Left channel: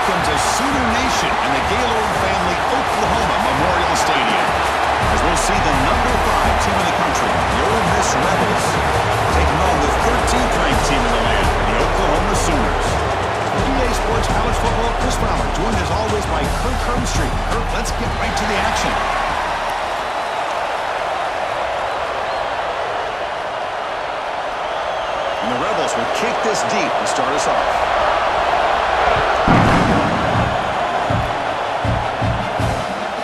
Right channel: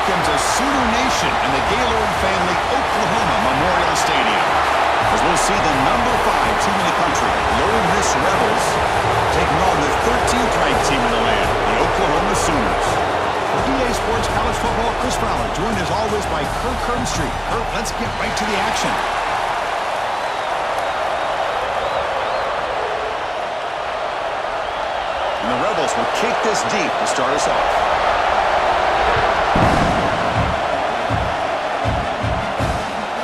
welcomes a Sooner Nation and the Gaylord family Oklahoma Memorial Stadium, as we'll see the number 5 team in the country, the Ole Miss Rebels, taking on the 13th ranked team in the land, the Oklahoma Sooners. For EA Sports College Football, Chris Fowler, joined as always by Kirk Hermstreet. Kirk, let's get right to the action. And the Rebels will kick this deep to start us off.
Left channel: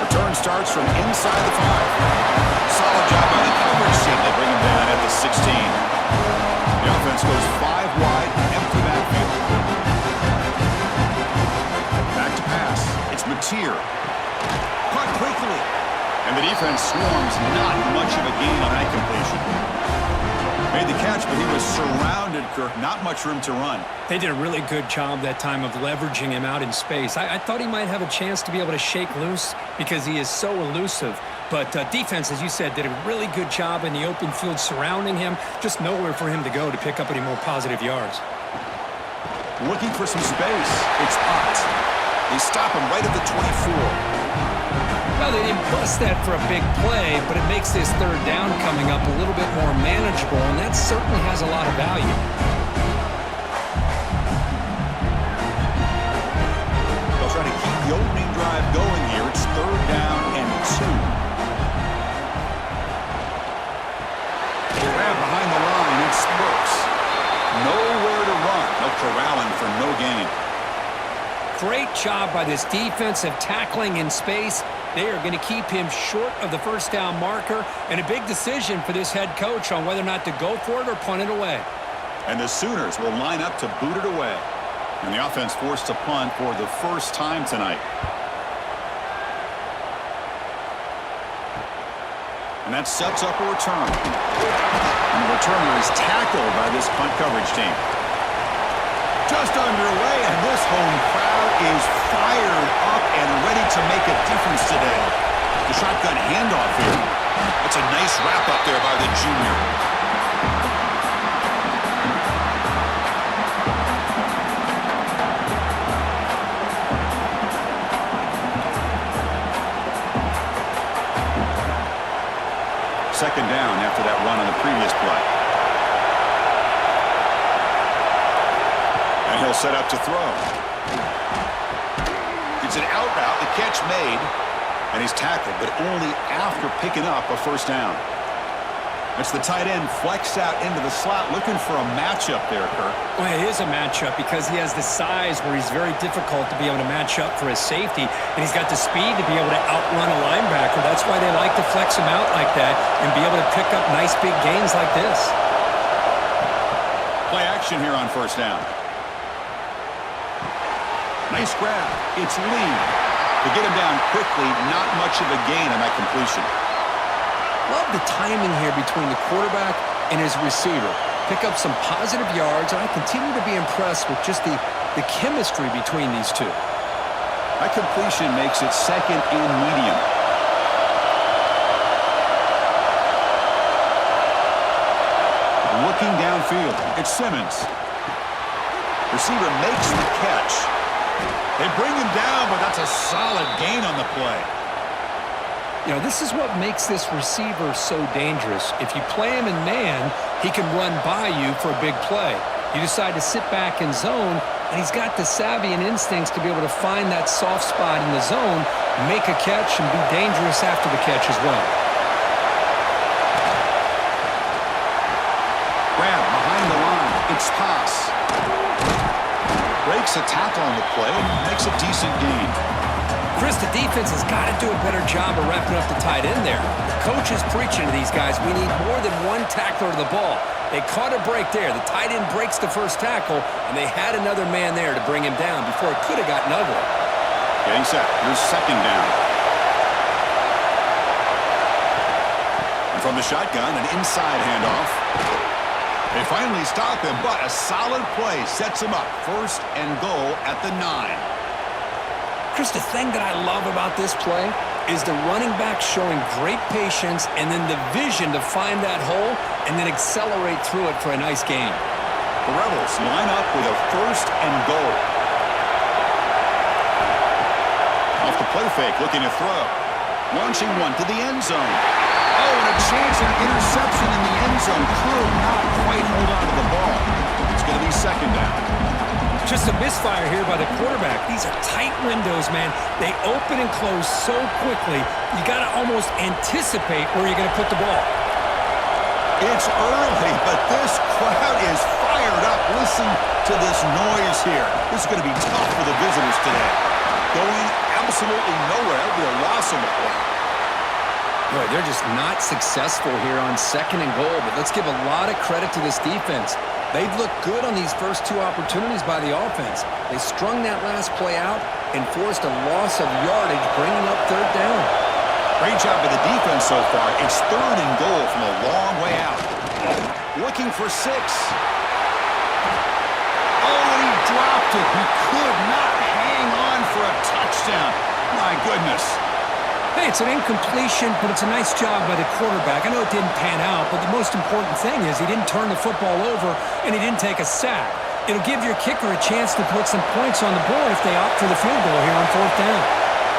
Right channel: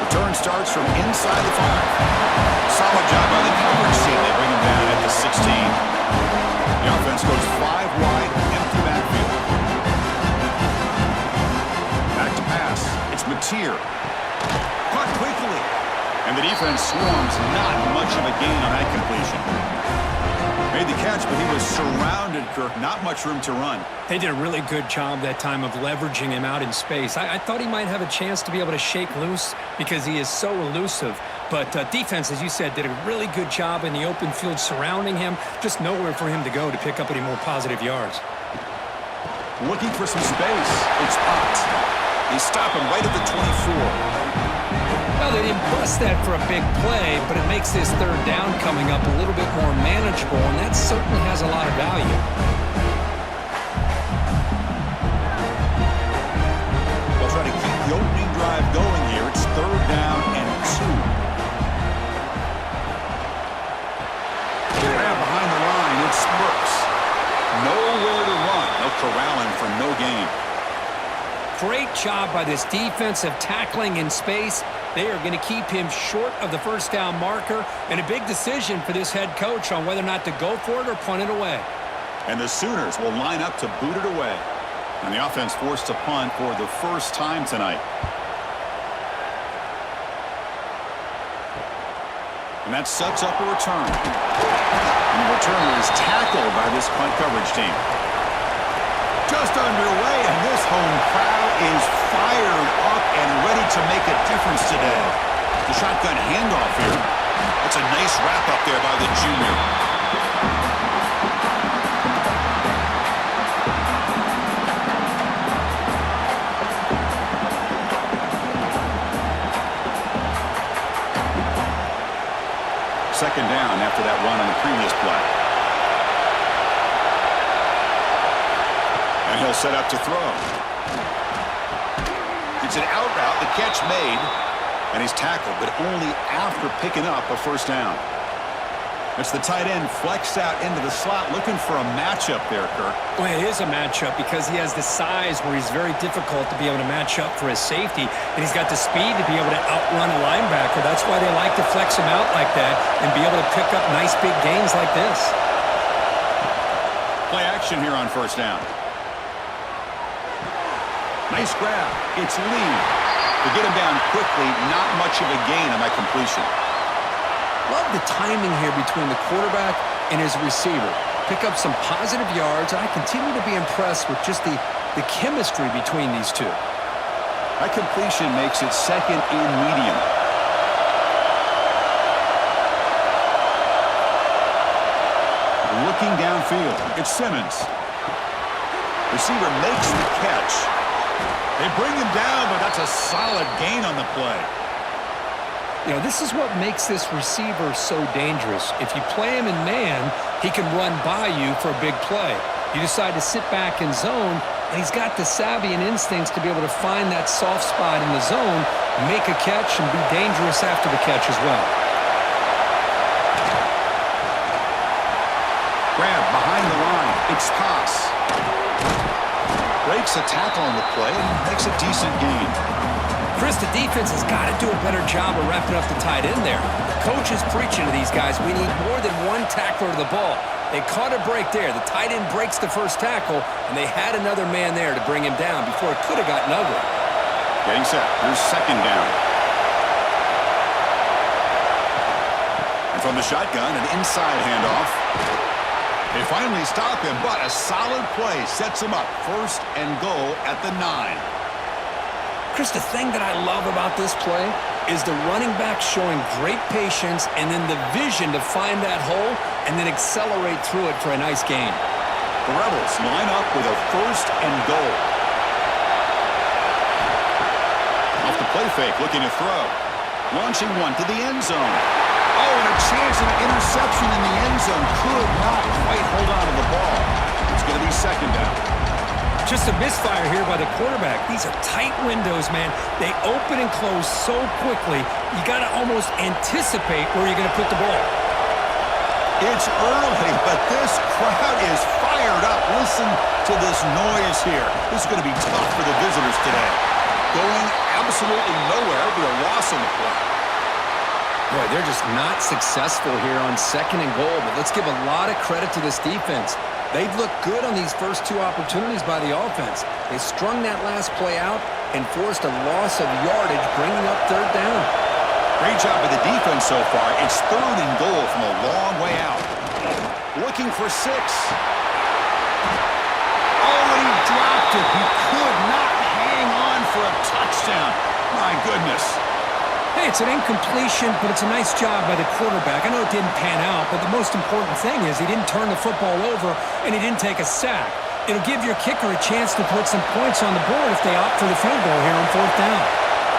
Return starts from inside the 5. Solid job by the coverage team. They bring him down at the 16. The offense goes 5 wide, empty backfield. Back to pass. It's Mateer. Caught quickly. And the defense swarms. Not much of a gain on that completion. Made the catch, but he was surrounded, Kirk. Not much room to run. They did a really good job that time of leveraging him out in space. I thought he might have a chance to be able to shake loose because he is so elusive. But defense, as you said, did a really good job in the open field surrounding him. Just nowhere for him to go to pick up any more positive yards. Looking for some space. It's Potts. They stop him right at the 24. Well, they didn't bust that for a big play, but it makes this third down coming up a little bit more manageable, and that certainly has a lot of value. They'll try to keep the opening drive going here. It's 3rd down and 2. Grab behind the line. It's Burks. Nowhere to run. They'll corral him for no gain. Great job by this defensive tackling in space. They are going to keep him short of the first down marker, and a big decision for this head coach on whether or not to go for it or punt it away. And the Sooners will line up to boot it away. And the offense forced to punt for the first time tonight. And that sets up a return. And the returner is tackled by this punt coverage team. Just underway, and this home crowd is fired up and ready to make a difference today. The shotgun handoff here. That's a nice wrap up there by the junior. Second down after that run on the previous play. And he'll set up to throw. It's an out route, the catch made, and he's tackled, but only after picking up a first down. It's the tight end flexed out into the slot, looking for a matchup there, Kirk. Well, it is a matchup because he has the size where he's very difficult to be able to match up for his safety, and he's got the speed to be able to outrun a linebacker. That's why they like to flex him out like that and be able to pick up nice big gains like this. Play action here on first down. Nice grab. It's Lee. To get him down quickly, not much of a gain on that completion. Love the timing here between the quarterback and his receiver. Pick up some positive yards, and I continue to be impressed with just the chemistry between these two. That completion makes it 2nd and medium. Looking downfield, it's Simmons. Receiver makes the catch. They bring him down, but that's a solid gain on the play. You know, this is what makes this receiver so dangerous. If you play him in man, he can run by you for a big play. You decide to sit back in zone, and he's got the savvy and instincts to be able to find that soft spot in the zone, make a catch, and be dangerous after the catch as well. Grab behind the line. It's Pass. Breaks a tackle on the play and makes a decent gain. Chris, the defense has got to do a better job of wrapping up the tight end there. The coach is preaching to these guys, we need more than one tackler to the ball. They caught a break there. The tight end breaks the first tackle, and they had another man there to bring him down before it could have gotten ugly. Getting set. Here's 2nd down. And from the shotgun, an inside handoff. They finally stop him, but a solid play sets him up. 1st and goal at the 9. Chris, the thing that I love about this play is the running back showing great patience and then the vision to find that hole and then accelerate through it for a nice gain. The Rebels line up with a 1st and goal. Off the play fake, looking to throw. Launching one to the end zone. Oh, and a chance at an interception in the end zone. Could not quite hold on to the ball. It's going to be second down. Just a misfire here by the quarterback. These are tight windows, man. They open and close so quickly, you got to almost anticipate where you're going to put the ball. It's early, but this crowd is fired up. Listen to this noise here. This is going to be tough for the visitors today. Going absolutely nowhere. It'll be a loss on the play. Boy, they're just not successful here on 2nd and goal, but let's give a lot of credit to this defense. They've looked good on these first 2 opportunities by the offense. They strung that last play out and forced a loss of yardage, bringing up 3rd down. Great job by the defense so far. It's 3rd and goal from a long way out. Looking for 6. Oh, and he dropped it. He could not hang on for a touchdown. My goodness. Hey, it's an incompletion, but it's a nice job by the quarterback. I know it didn't pan out, but the most important thing is he didn't turn the football over and he didn't take a sack. It'll give your kicker a chance to put some points on the board if they opt for the field goal here on 4th down.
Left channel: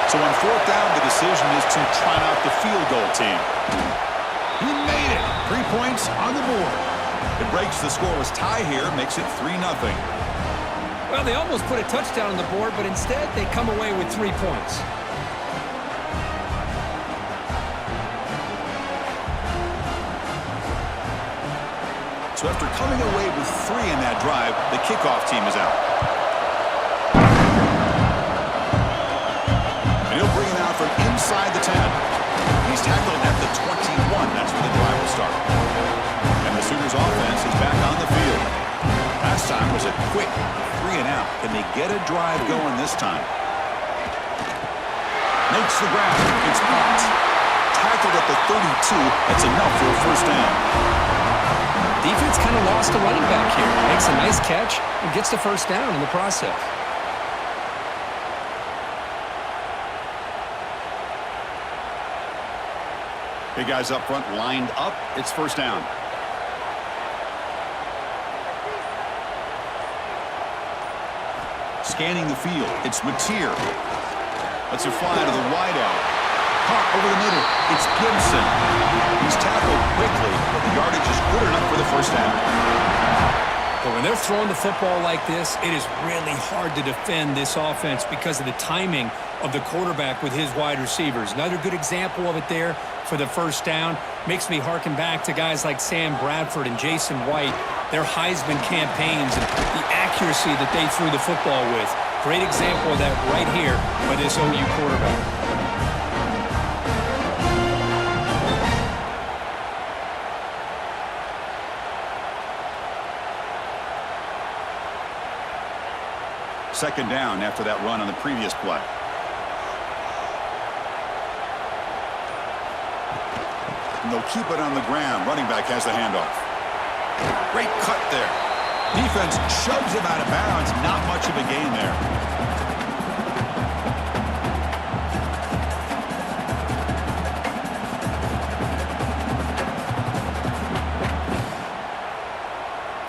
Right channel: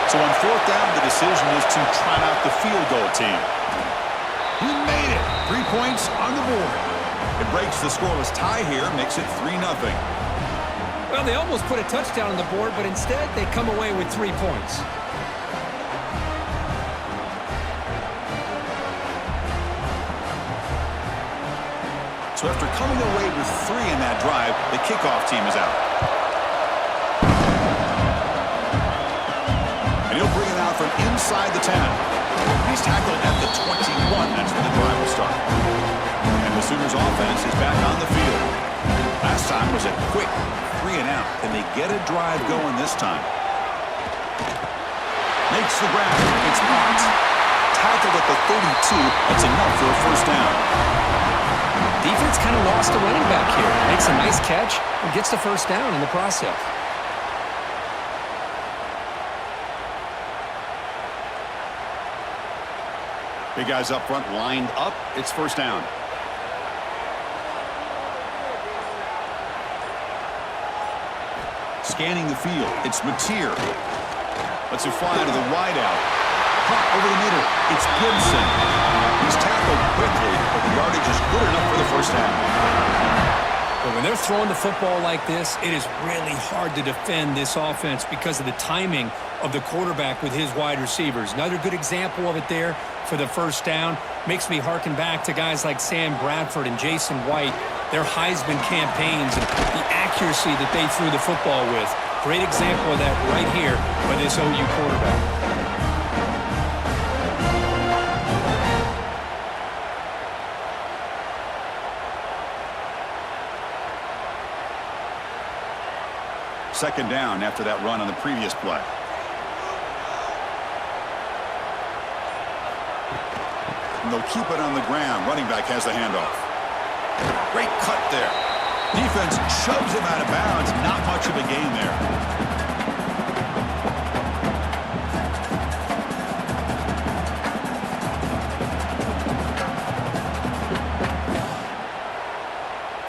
So on 4th down, the decision is to trot out the field goal team. He made it. 3 points on the board. It breaks the scoreless tie here, makes it 3-0. Well, they almost put a touchdown on the board, but instead they come away with 3 points. So after coming away with 3 in that drive, the kickoff team is out. And he'll bring it out from inside the 10. He's tackled at the 21. That's where the drive will start. And the Sooners offense is back on the field. Last time was a quick 3 and out. Can they get a drive going this time? Makes the grab. It's blocked. Tackled at the 32. That's enough for a 1st down. Defense kind of lost a running back here. Makes a nice catch and gets the 1st down in the process. Big guys up front lined up. It's 1st down. Scanning the field. It's Mateer. Lets it fly to the wideout. Caught over the middle. It's Gibson. He's tackled quickly, but the yardage is good enough for the 1st down. But when they're throwing the football like this, it is really hard to defend this offense because of the timing of the quarterback with his wide receivers. Another good example of it there for the 1st down. Makes me harken back to guys like Sam Bradford and Jason White, their Heisman campaigns and the accuracy that they threw the football with. Great example of that right here by this OU quarterback. Second down after that run on the previous play. And they'll keep it on the ground. Running back has the handoff. Great cut there. Defense shoves him out of bounds. Not much of a gain there.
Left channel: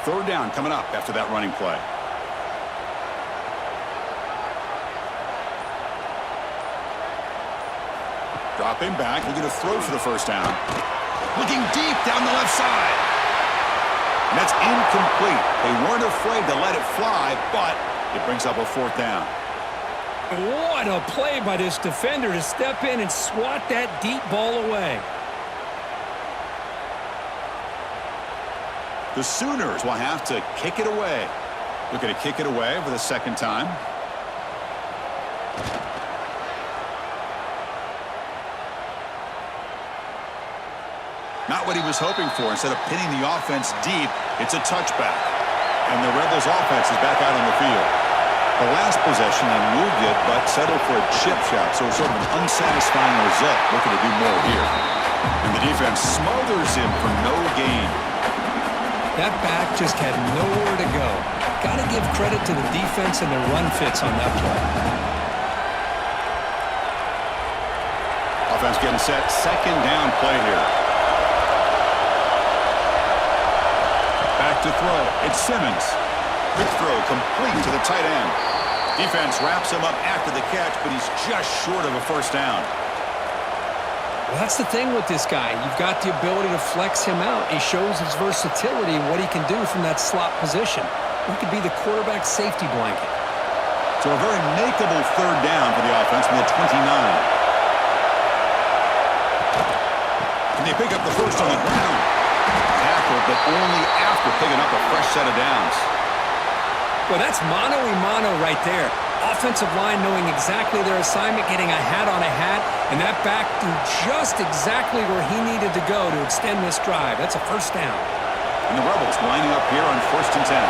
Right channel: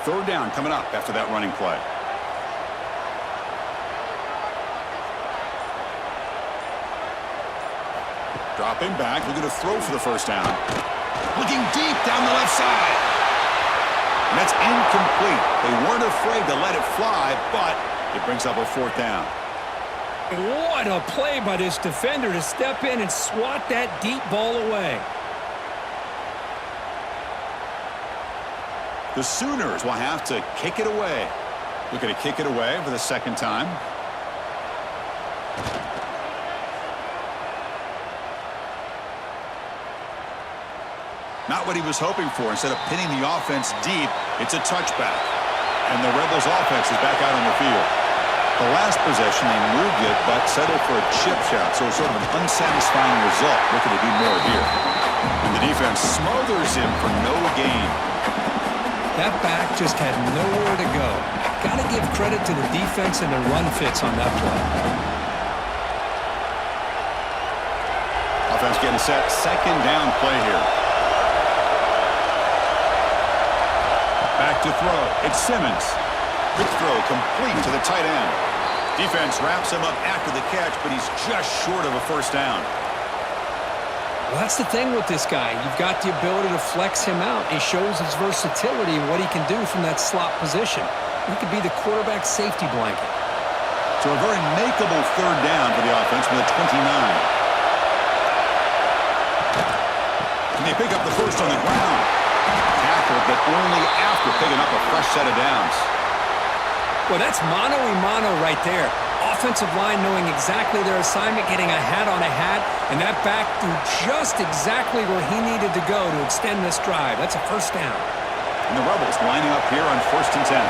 Third down coming up after that running play. Dropping back, looking to throw for the 1st down. Looking deep down the left side. And that's incomplete. They weren't afraid to let it fly, but it brings up a 4th down. What a play by this defender to step in and swat that deep ball away. The Sooners will have to kick it away. Looking to kick it away for the 2nd time. Not what he was hoping for. Instead of pinning the offense deep, it's a touchback. And the Rebels offense is back out on the field. The last possession, they moved it, but settled for a chip shot. So it's sort of an unsatisfying result. Looking to do more here. And the defense smothers him for no gain. That back just had nowhere to go. Got to give credit to the defense and their run fits on that play. Offense getting set. 2nd down play here. Back to throw. It's Simmons. Quick throw complete to the tight end. Defense wraps him up after the catch, but he's just short of a first down. Well, that's the thing with this guy. You've got the ability to flex him out. He shows his versatility and what he can do from that slot position. He could be the quarterback safety blanket. So a very makeable third down for the offense with a 29. Can they pick up the first on the ground? Tackled, but only after picking up a fresh set of downs. Well, that's mano-a-mano right there. Offensive line knowing exactly their assignment, getting a hat on a hat, and that back threw just exactly where he needed to go to extend this drive. That's a first down. And the Rebels lining up here on 1st and 10.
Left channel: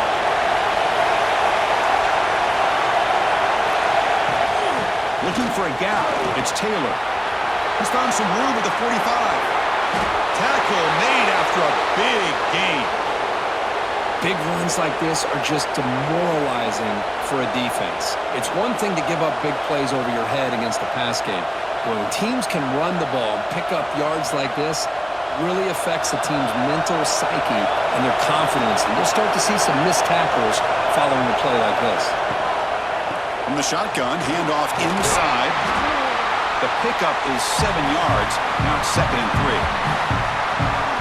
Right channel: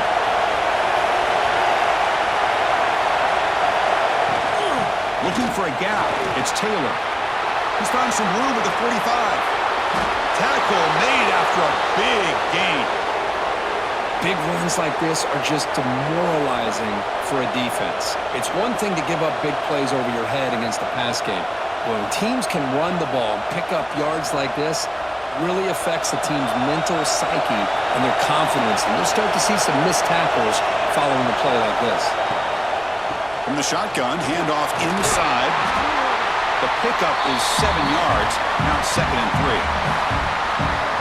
Looking for a gap. It's Taylor. He's found some room at the 45. Tackle made after a big gain. Big runs like this are just demoralizing for a defense. It's one thing to give up big plays over your head against the pass game. When teams can run the ball and pick up yards like this, it really affects the team's mental psyche and their confidence. And you'll start to see some missed tackles following a play like this. From the shotgun, handoff inside. The pickup is 7 yards. Now it's 2nd and 3.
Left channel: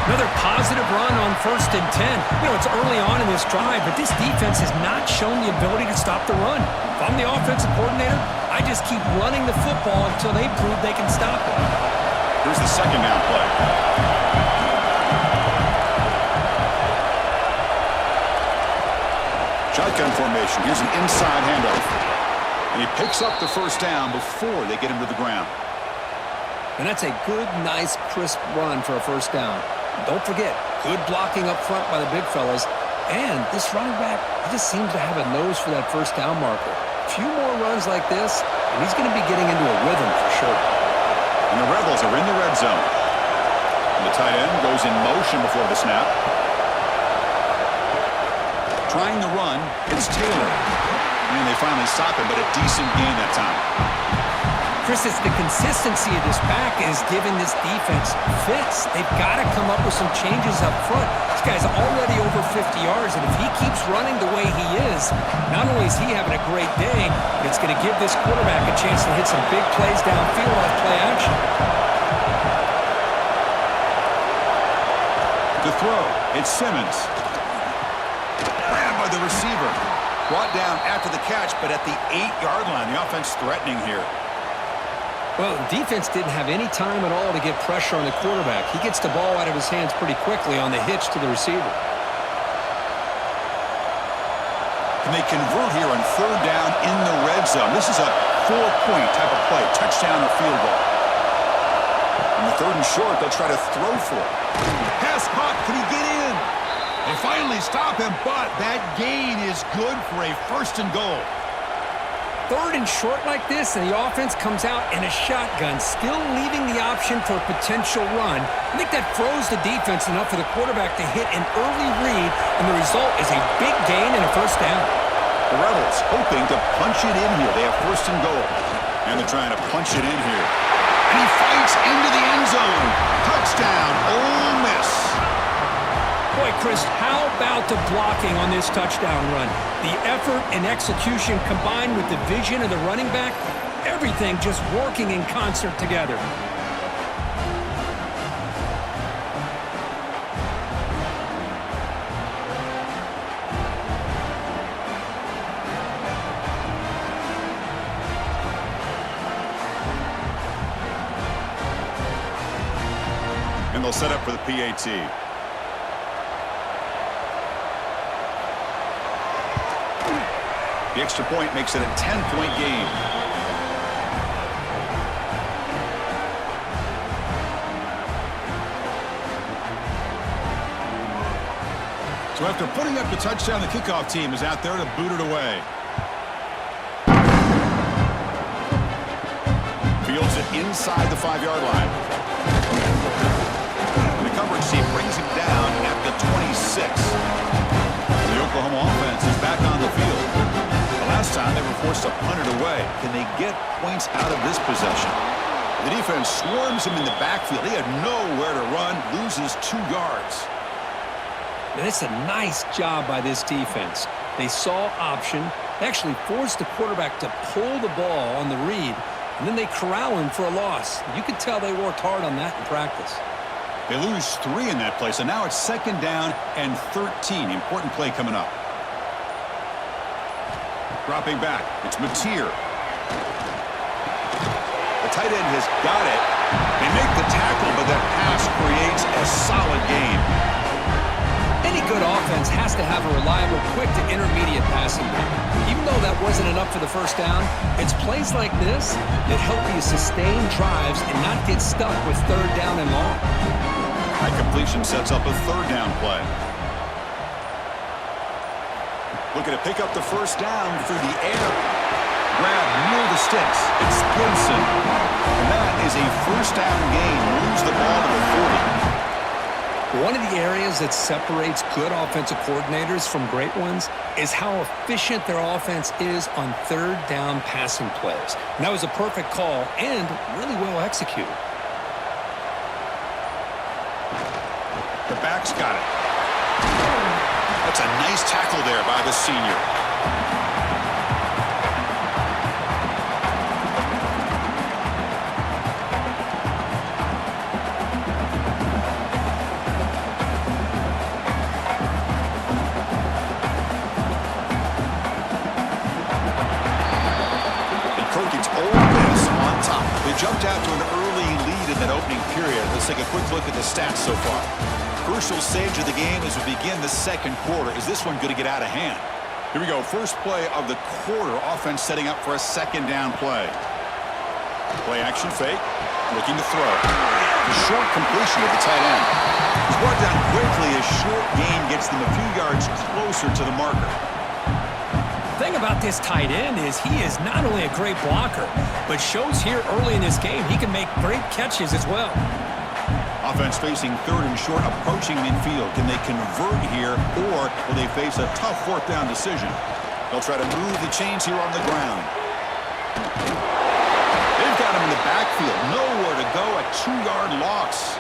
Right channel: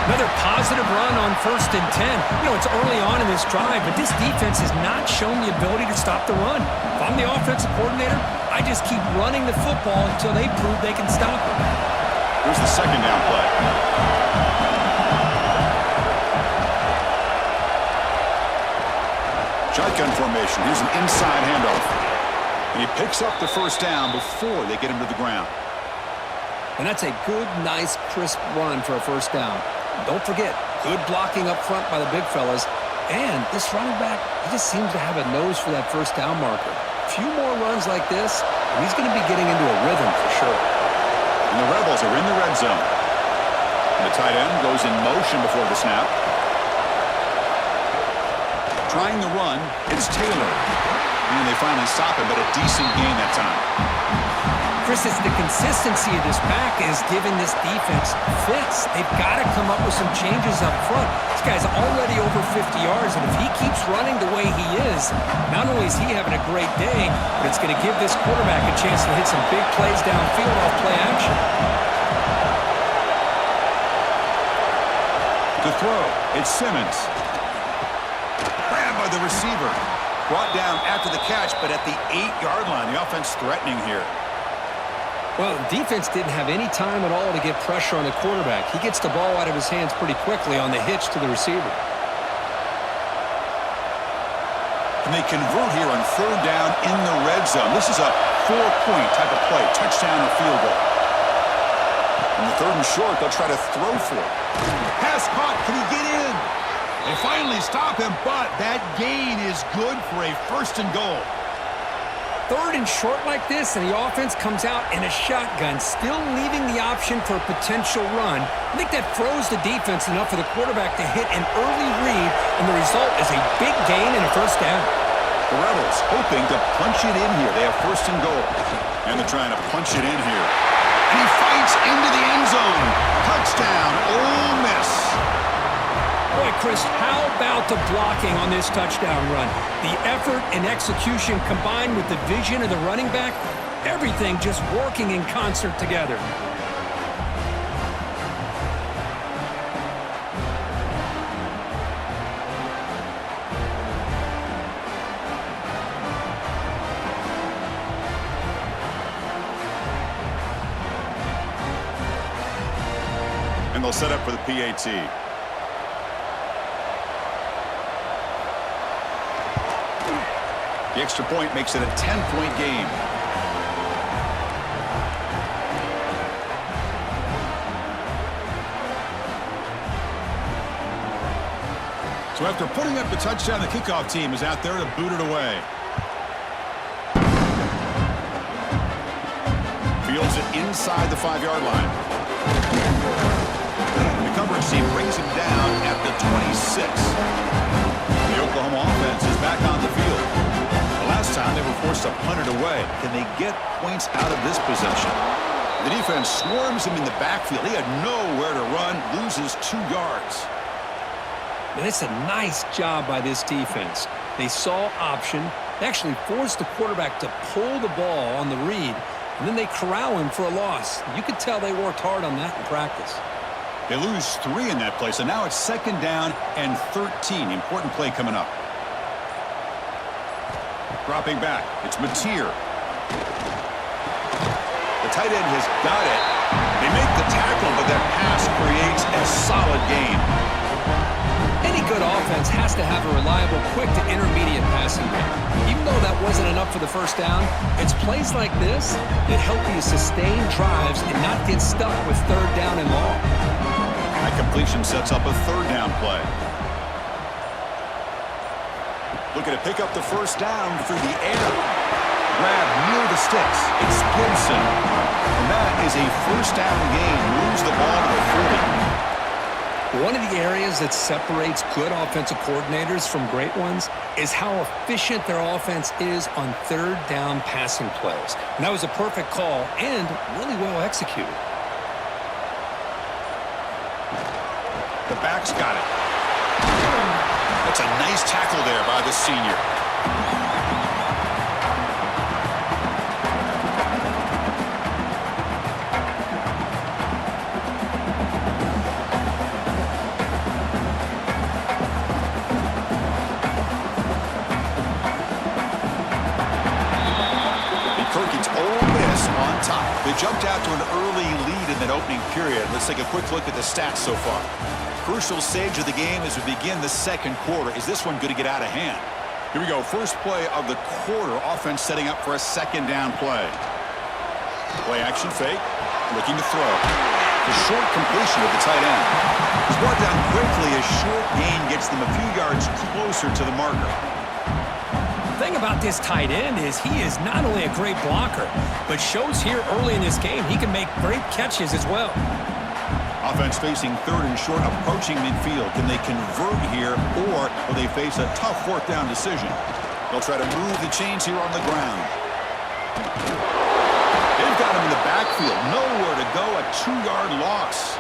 Another positive run on 1st and 10. You know, it's early on in this drive, but this defense has not shown the ability to stop the run. If I'm the offensive coordinator, I just keep running the football until they prove they can stop it. Here's the 2nd down play. Shotgun formation. Here's an inside handoff. And he picks up the first down before they get him to the ground. And that's a good, nice, crisp run for a first down. Don't forget, good blocking up front by the big fellas. And this running back, he just seems to have a nose for that first down marker. A few more runs like this, and he's going to be getting into a rhythm for sure. And the Rebels are in the red zone. And the tight end goes in motion before the snap. Trying the run, it's Taylor. And they finally stop him, but a decent gain that time. Chris, it's the consistency of this back is giving this defense fits. They've got to come up with some changes up front. This guy's already over 50 yards, and if he keeps running the way he is, not only is he having a great day, but it's going to give this quarterback a chance to hit some big plays downfield off play action. To throw, it's Simmons. Grabbed by the receiver. Brought down after the catch, but at the 8-yard line. The offense threatening here. Well, the defense didn't have any time at all to get pressure on the quarterback. He gets the ball out of his hands pretty quickly on the hitch to the receiver. And they convert here on 3rd down in the red zone. This is a 4-point type of play, touchdown or field goal. On the 3rd and short, they'll try to throw for it. Pass caught. Can he get in? They finally stop him, but that gain is good for a 1st and goal. 3rd and short like this, and the offense comes out in a shotgun, still leaving the option for a potential run. I think that froze the defense enough for the quarterback to hit an early read, and the result is a big gain and a first down. The Rebels hoping to punch it in here. They have 1st and goal. And they're trying to punch it in here. And he fights into the end zone. Touchdown, Ole Miss. Boy, Chris, how about the blocking on this touchdown run? The effort and execution combined with the vision of the running back, everything just working in concert together. And they'll set up for the PAT. The extra point makes it a 10-point game. So after putting up the touchdown, the kickoff team is out there to boot it away. Fields it inside the 5-yard line. And the coverage team brings him down at the 26. The Oklahoma offense is back on the field. Last time they were forced to punt it away. Can they get points out of this possession? The defense swarms him in the backfield. He had nowhere to run, loses 2 yards. And it's a nice job by this defense. They saw option, They actually force the quarterback to pull the ball on the read, and then they corral him for a loss. You could tell they worked hard on that in practice. They lose 3 in that play, so now it's 2nd down and 13. Important play coming up. Dropping back, it's Mateer. The tight end has got it. They make the tackle, but that pass creates a solid gain. Any good offense has to have a reliable, quick to intermediate passing game. Even though that wasn't enough for the first down, it's plays like this that help you sustain drives and not get stuck with 3rd down and long. That completion sets up a 3rd down play. Looking to pick up the first down through the air. Grab near the sticks. It's Gibson. And that is a first down gain. Moves the ball to the 40. One of the areas that separates good offensive coordinators from great ones is how efficient their offense is on 3rd down passing plays. And that was a perfect call and really well executed. The back's got it. That's a nice tackle there by the senior. It's Ole Miss on top. They jumped out to an early lead in that opening period. Let's take a quick look at the stats so far. Crucial stage of the game as we begin the 2nd quarter. Is this one going to get out of hand? Here we go. First play of the quarter. Offense setting up for a 2nd down play. Play action fake. Looking to throw. The short completion of the tight end. It's brought down quickly. A short gain gets them a few yards closer to the marker. The thing about this tight end is he is not only a great blocker, but shows here early in this game he can make great catches as well. Offense facing 3rd and short, approaching midfield. Can they convert here, or will they face a tough 4th down decision? They'll try to move the chains here on the ground. They've got him in the backfield. Nowhere to go, a 2-yard loss.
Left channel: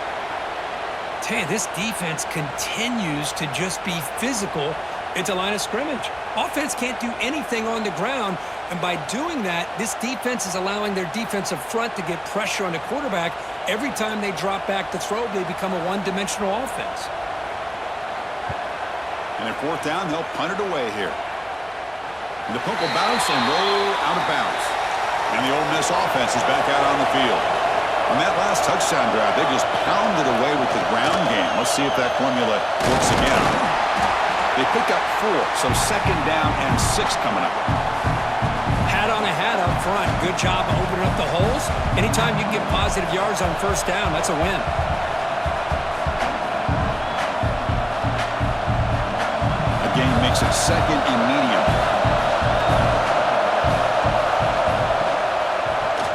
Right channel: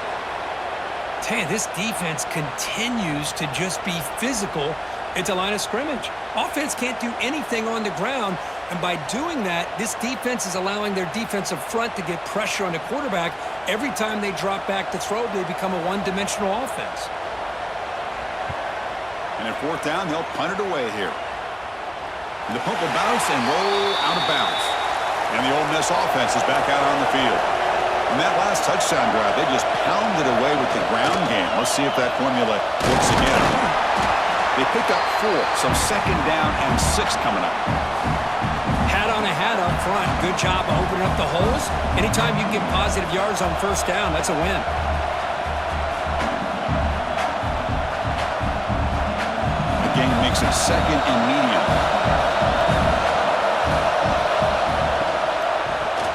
Tell you, this defense continues to just be physical at the line of scrimmage. Offense can't do anything on the ground, and by doing that, this defense is allowing their defensive front to get pressure on the quarterback. Every time they drop back to throw, they become a one-dimensional offense. And at 4th down, they'll punt it away here. And the punt will bounce and roll out of bounds. And the Ole Miss offense is back out on the field. On that last touchdown drive, they just pounded away with the ground game. Let's see if that formula works again. They pick up 4, so 2nd down and 6 coming up. Hat on a hat up front. Good job of opening up the holes. Anytime you can get positive yards on 1st down, that's a win. The gain makes it 2nd and medium.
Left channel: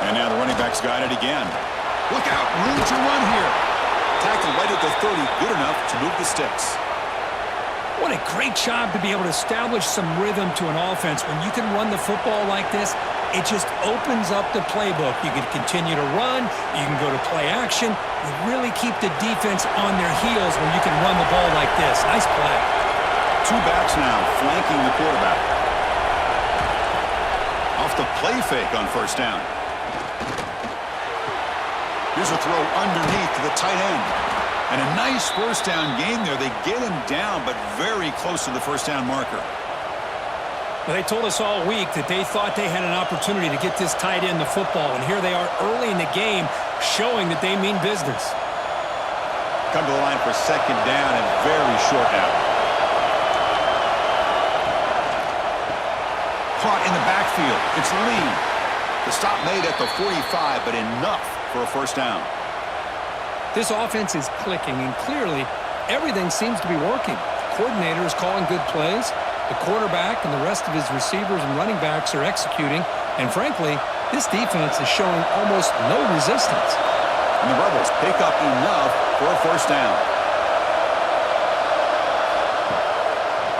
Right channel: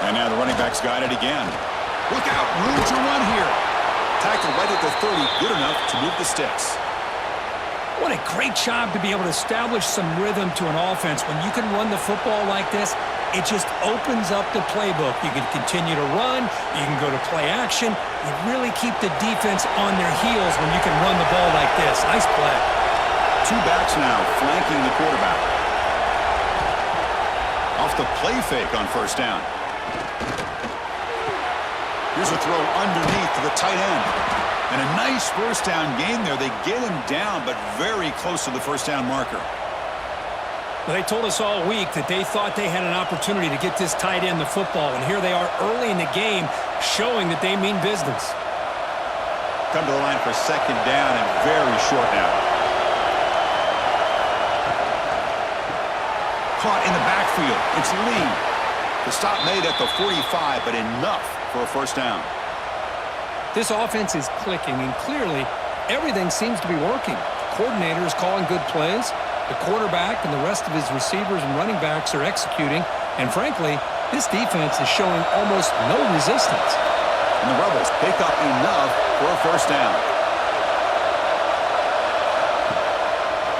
And now the running back's got it again. Look out, room to run here. Tackle right at the 30, good enough to move the sticks. What a great job to be able to establish some rhythm to an offense. When you can run the football like this, it just opens up the playbook. You can continue to run. You can go to play action. You really keep the defense on their heels when you can run the ball like this. Nice play. 2 backs now flanking the quarterback. Off the play fake on 1st down. Here's a throw underneath to the tight end. And a nice 1st down gain there. They get him down, but very close to the 1st down marker. Well, they told us all week that they thought they had an opportunity to get this tight end the football, and here they are early in the game showing that they mean business. Come to the line for 2nd down and very short now. Caught in the backfield. It's Lee. The stop made at the 45, but enough for a 1st down. This offense is clicking, and clearly everything seems to be working. The coordinator is calling good plays. The quarterback and the rest of his receivers and running backs are executing. And frankly, this defense is showing almost no resistance. And the Rebels pick up enough for a 1st down.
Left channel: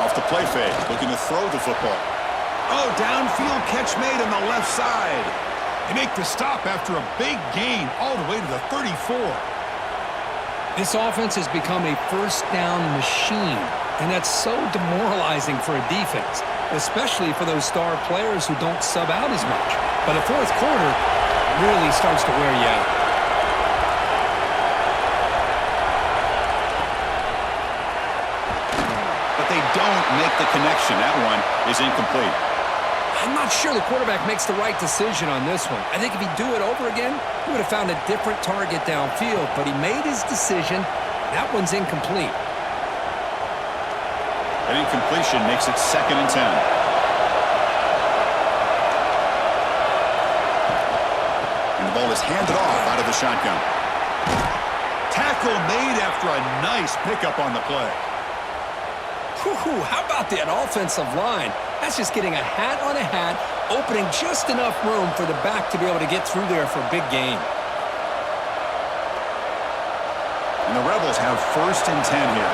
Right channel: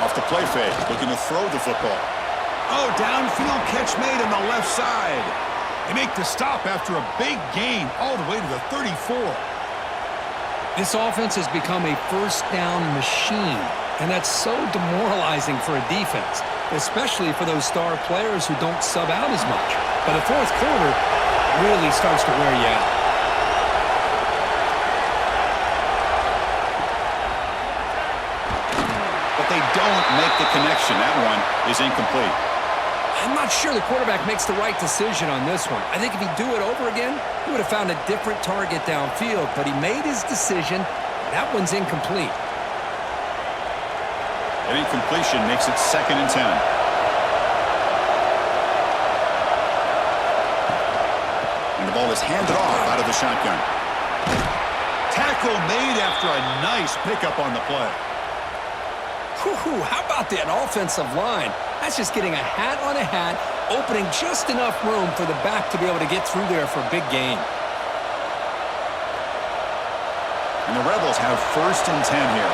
Off the play fake, looking to throw the football. Oh, downfield catch made on the left side. They make the stop after a big gain all the way to the 34. This offense has become a 1st down machine. And that's so demoralizing for a defense, especially for those star players who don't sub out as much. But the fourth quarter really starts to wear you out. But they don't make the connection. That one is incomplete. I'm not sure the quarterback makes the right decision on this one. I think if he'd do it over again, he would have found a different target downfield, but he made his decision. That one's incomplete. An incompletion makes it 2nd and 10. And the ball is handed off out of the shotgun. Tackle made after a nice pickup on the play. Whew, how about that offensive line? That's just getting a hat on a hat, opening just enough room for the back to be able to get through there for a big gain. And the Rebels have 1st and 10 here.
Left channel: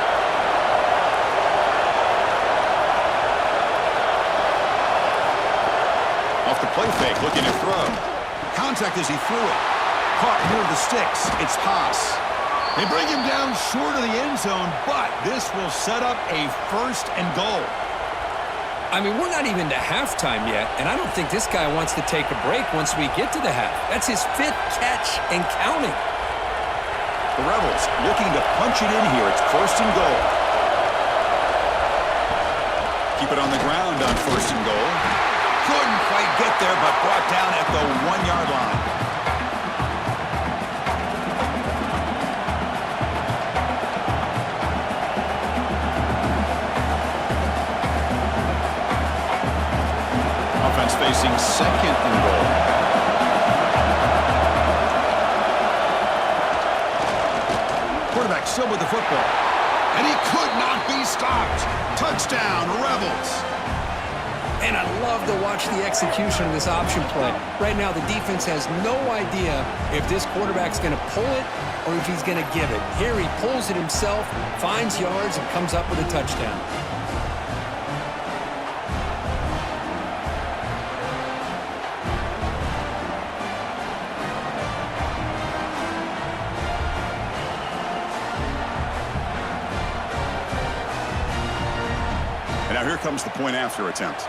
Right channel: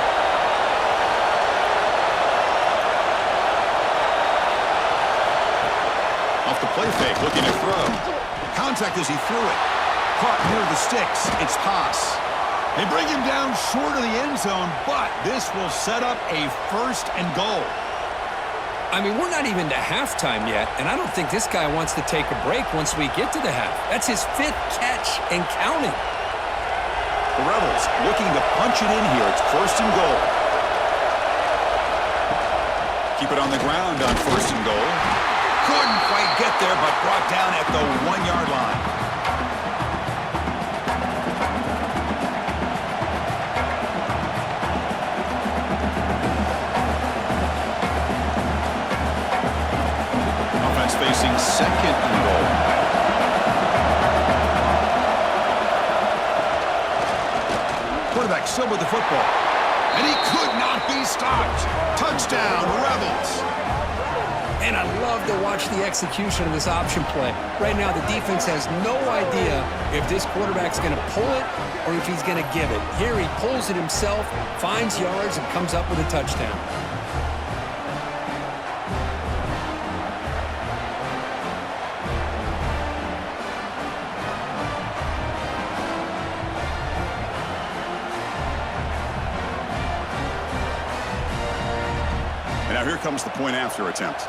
Off the play fake, looking to throw. Contact as he threw it. Caught near the sticks. It's Haas. They bring him down short of the end zone, but this will set up a 1st and goal. I mean, we're not even to halftime yet, and I don't think this guy wants to take a break once we get to the half. That's his 5th catch and counting. The Rebels looking to punch it in here. It's 1st and goal. Keep it on the ground on 1st and goal. Couldn't quite get there, but brought down at the 1-yard line. Offense facing 2nd and goal. Quarterback still with the football. And he could not be stopped. Touchdown, Rebels. And I love to watch the execution of this option play. Right now, the defense has no idea if this quarterback's going to pull it or if he's going to give it. Here he pulls it himself, finds yards, and comes up with a touchdown. And now here comes the point after attempt.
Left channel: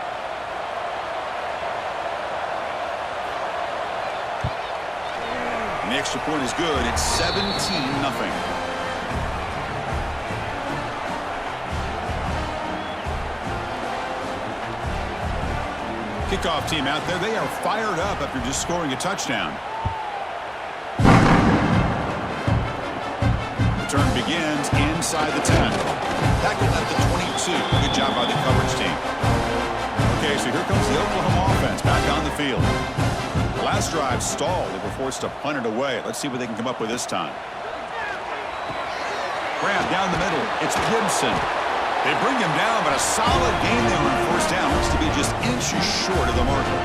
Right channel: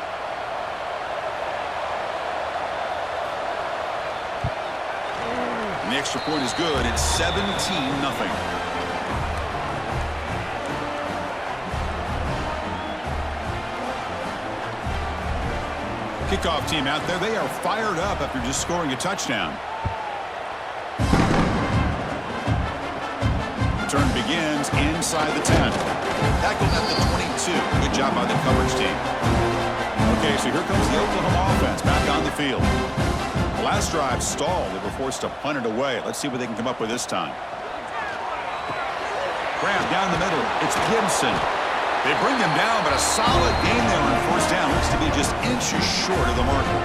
And the extra point is good. It's 17-0. Kickoff team out there. They are fired up after just scoring a touchdown. Return begins inside the 10. Tackled at the 22. Good job by the coverage team. Okay, so here comes the Oklahoma offense back on the field. The last drive stalled. They were forced to punt it away. Let's see what they can come up with this time. Graham down the middle. It's Gibson. They bring him down, but a solid gain there on 1st down. Looks to be just inches short of the marker.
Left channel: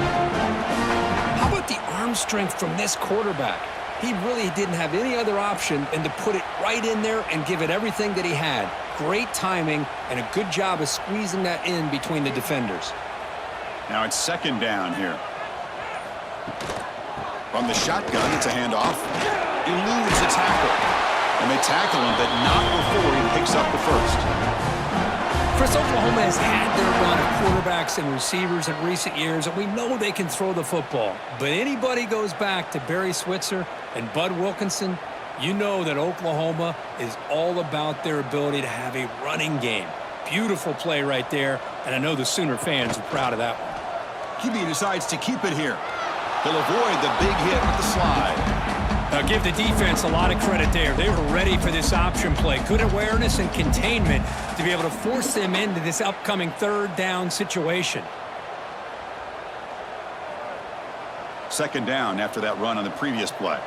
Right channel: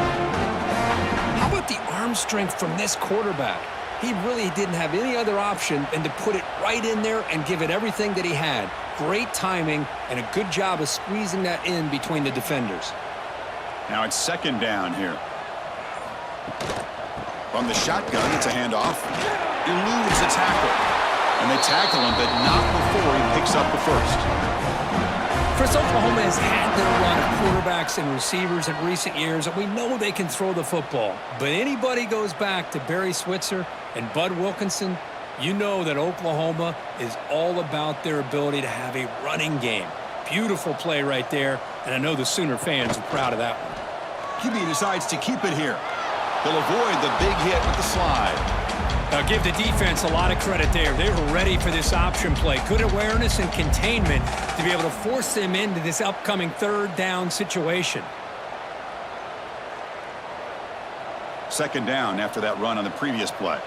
How about the arm strength from this quarterback? He really didn't have any other option than to put it right in there and give it everything that he had. Great timing and a good job of squeezing that in between the defenders. Now it's 2nd down here. From the shotgun, it's a handoff. Eludes a tackle. And they tackle him, but not before he picks up the 1st. Chris, Oklahoma has had their run of quarterbacks and receivers in recent years, and we know they can throw the football. But anybody goes back to Barry Switzer and Bud Wilkinson, you know that Oklahoma is all about their ability to have a running game. Beautiful play right there, and I know the Sooner fans are proud of that one. QB decides to keep it here. He'll avoid the big hit with the slide. Now give the defense a lot of credit there. They were ready for this option play. Good awareness and containment to be able to force them into this upcoming 3rd down situation. 2nd down after that run on the previous play.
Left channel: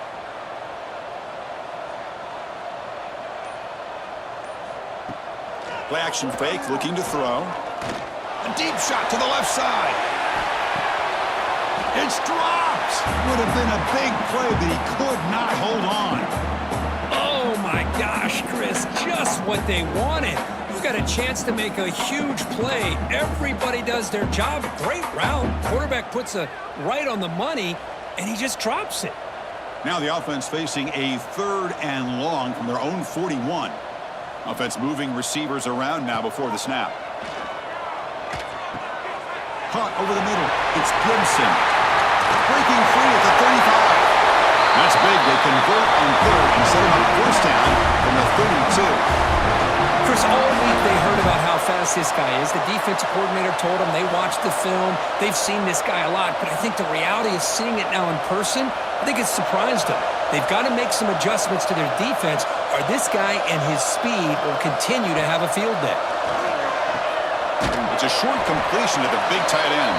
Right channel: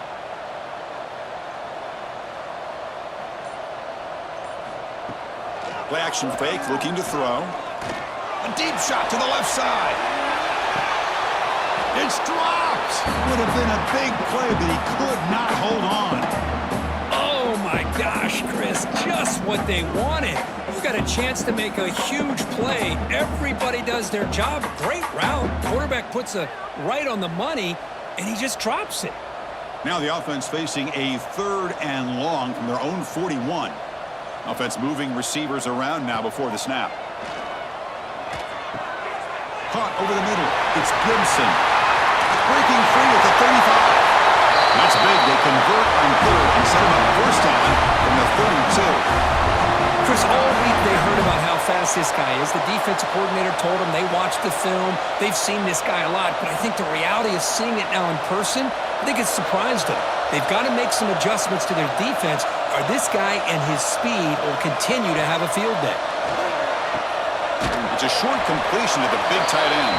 Play action fake, looking to throw. A deep shot to the left side. It's dropped. Would have been a big play, but he could not hold on. Oh, my gosh, Chris, just what they wanted. You got a chance to make a huge play. Everybody does their job. Great route. Quarterback puts it right on the money, and he just drops it. Now the offense facing a 3rd and long from their own 41. Offense moving receivers around now before the snap. Caught over the middle. It's Gibson. Breaking free at the 35. That's big. They convert on third and set him up first down from the 32. Chris, all week they heard about how fast this guy is. The defensive coordinator told them they watched the film. They've seen this guy a lot, but I think the reality is seeing it now in person, I think it's surprised them. They've got to make some adjustments to their defense, or this guy and his speed will continue to have a field day. It's a short completion to the big tight end.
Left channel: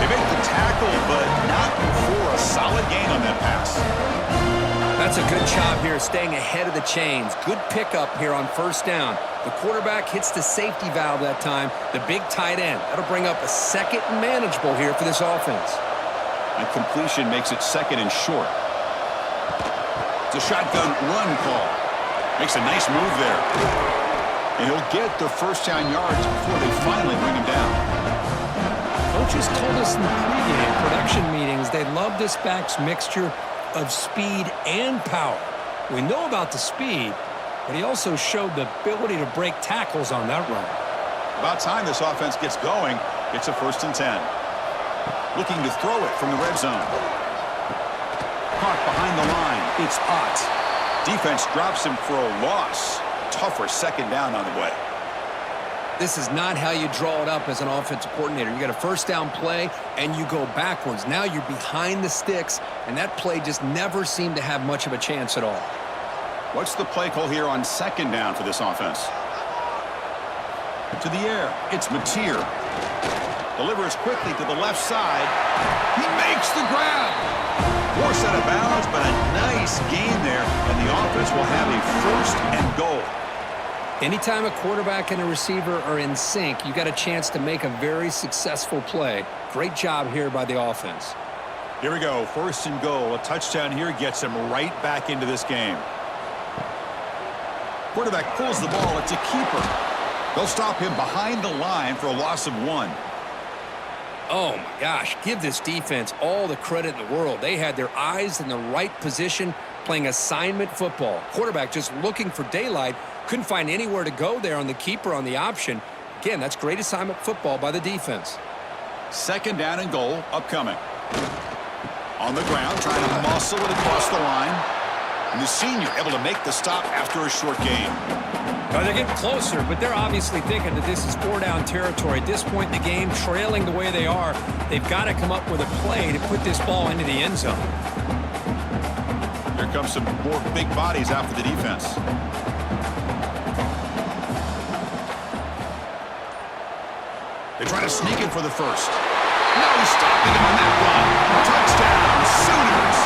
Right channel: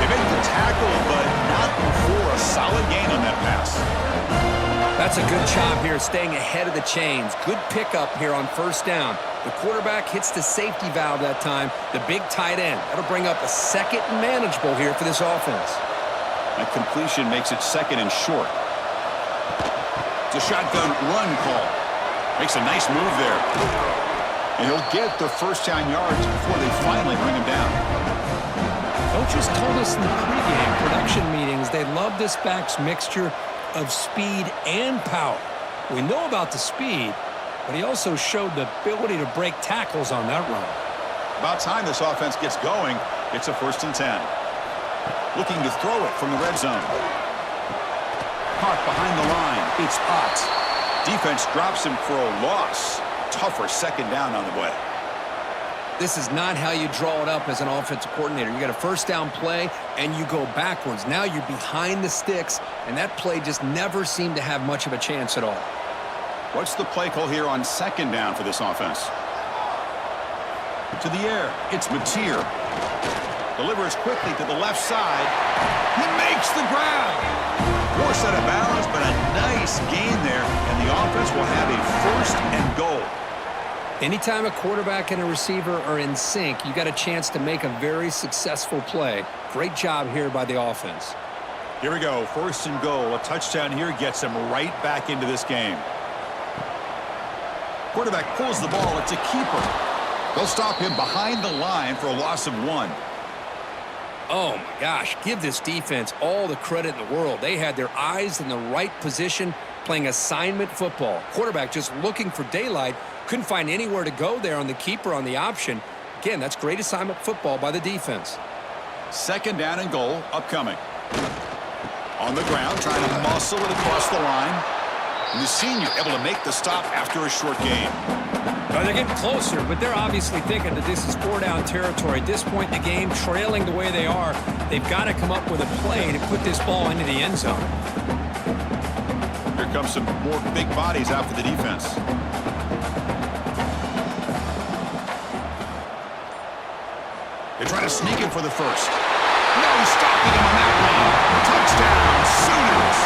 They make the tackle, but not before a solid gain on that pass. That's a good job here, staying ahead of the chains. Good pickup here on first down. The quarterback hits the safety valve that time, the big tight end. That'll bring up a second and manageable here for this offense. That completion makes it second and short. It's a shotgun run call. Makes a nice move there. And he'll get the first down yards before they finally bring him down. Coaches told us in the pregame production meetings they love this back's mixture of speed and power. We know about the speed, but he also showed the ability to break tackles on that run. About time this offense gets going. It's a 1st and 10. Looking to throw it from the red zone. Caught behind the line. It's Ott. Defense drops him for a loss. Tougher second down on the way. This is not how you draw it up as an offensive coordinator. You got a first down play, and you go backwards. Now you're behind the sticks, and that play just never seemed to have much of a chance at all. What's the play call here on second down for this offense? To the air. It's Mateer. Delivers quickly to the left side. He makes the grab. Forced out of bounds, but a nice gain there, and the offense will have a 1st and goal. Anytime a quarterback and a receiver are in sync, you got a chance to make a very successful play. Great job here by the offense. Here we go, 1st and goal. A touchdown here gets them right back into this game. Quarterback pulls the ball. It's a keeper. They'll stop him behind the line for a loss of 1. Oh, my gosh. Give this defense all the credit in the world. They had their eyes in the right position, playing assignment football. Quarterback just looking for daylight. Couldn't find anywhere to go there on the keeper on the option. Again, that's great assignment football by the defense. 2nd down and goal upcoming. On the ground, trying to muscle it across the line. And the senior able to make the stop after a short gain. Well, they're getting closer, but they're obviously thinking that this is 4-down territory. At this point in the game, trailing the way they are, they've got to come up with a play to put this ball into the end zone. Here comes some more big bodies out for the defense. They try to sneak in for the first. No stopping him on that run. Touchdown, Sooners.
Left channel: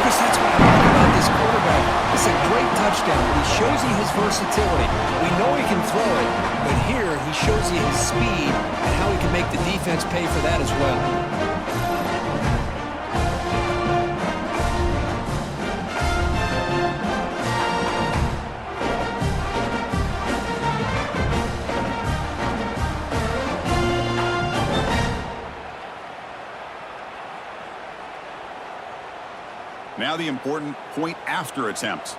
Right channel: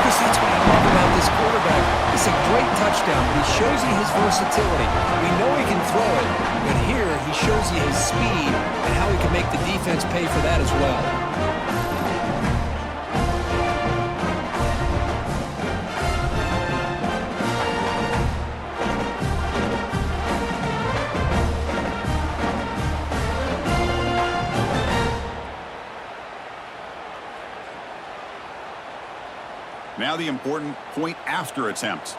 Chris, that's what I love about this quarterback. It's a great touchdown, but he shows you his versatility. We know he can throw it, but here he shows you his speed and how he can make the defense pay for that as well. Now the important point after attempt.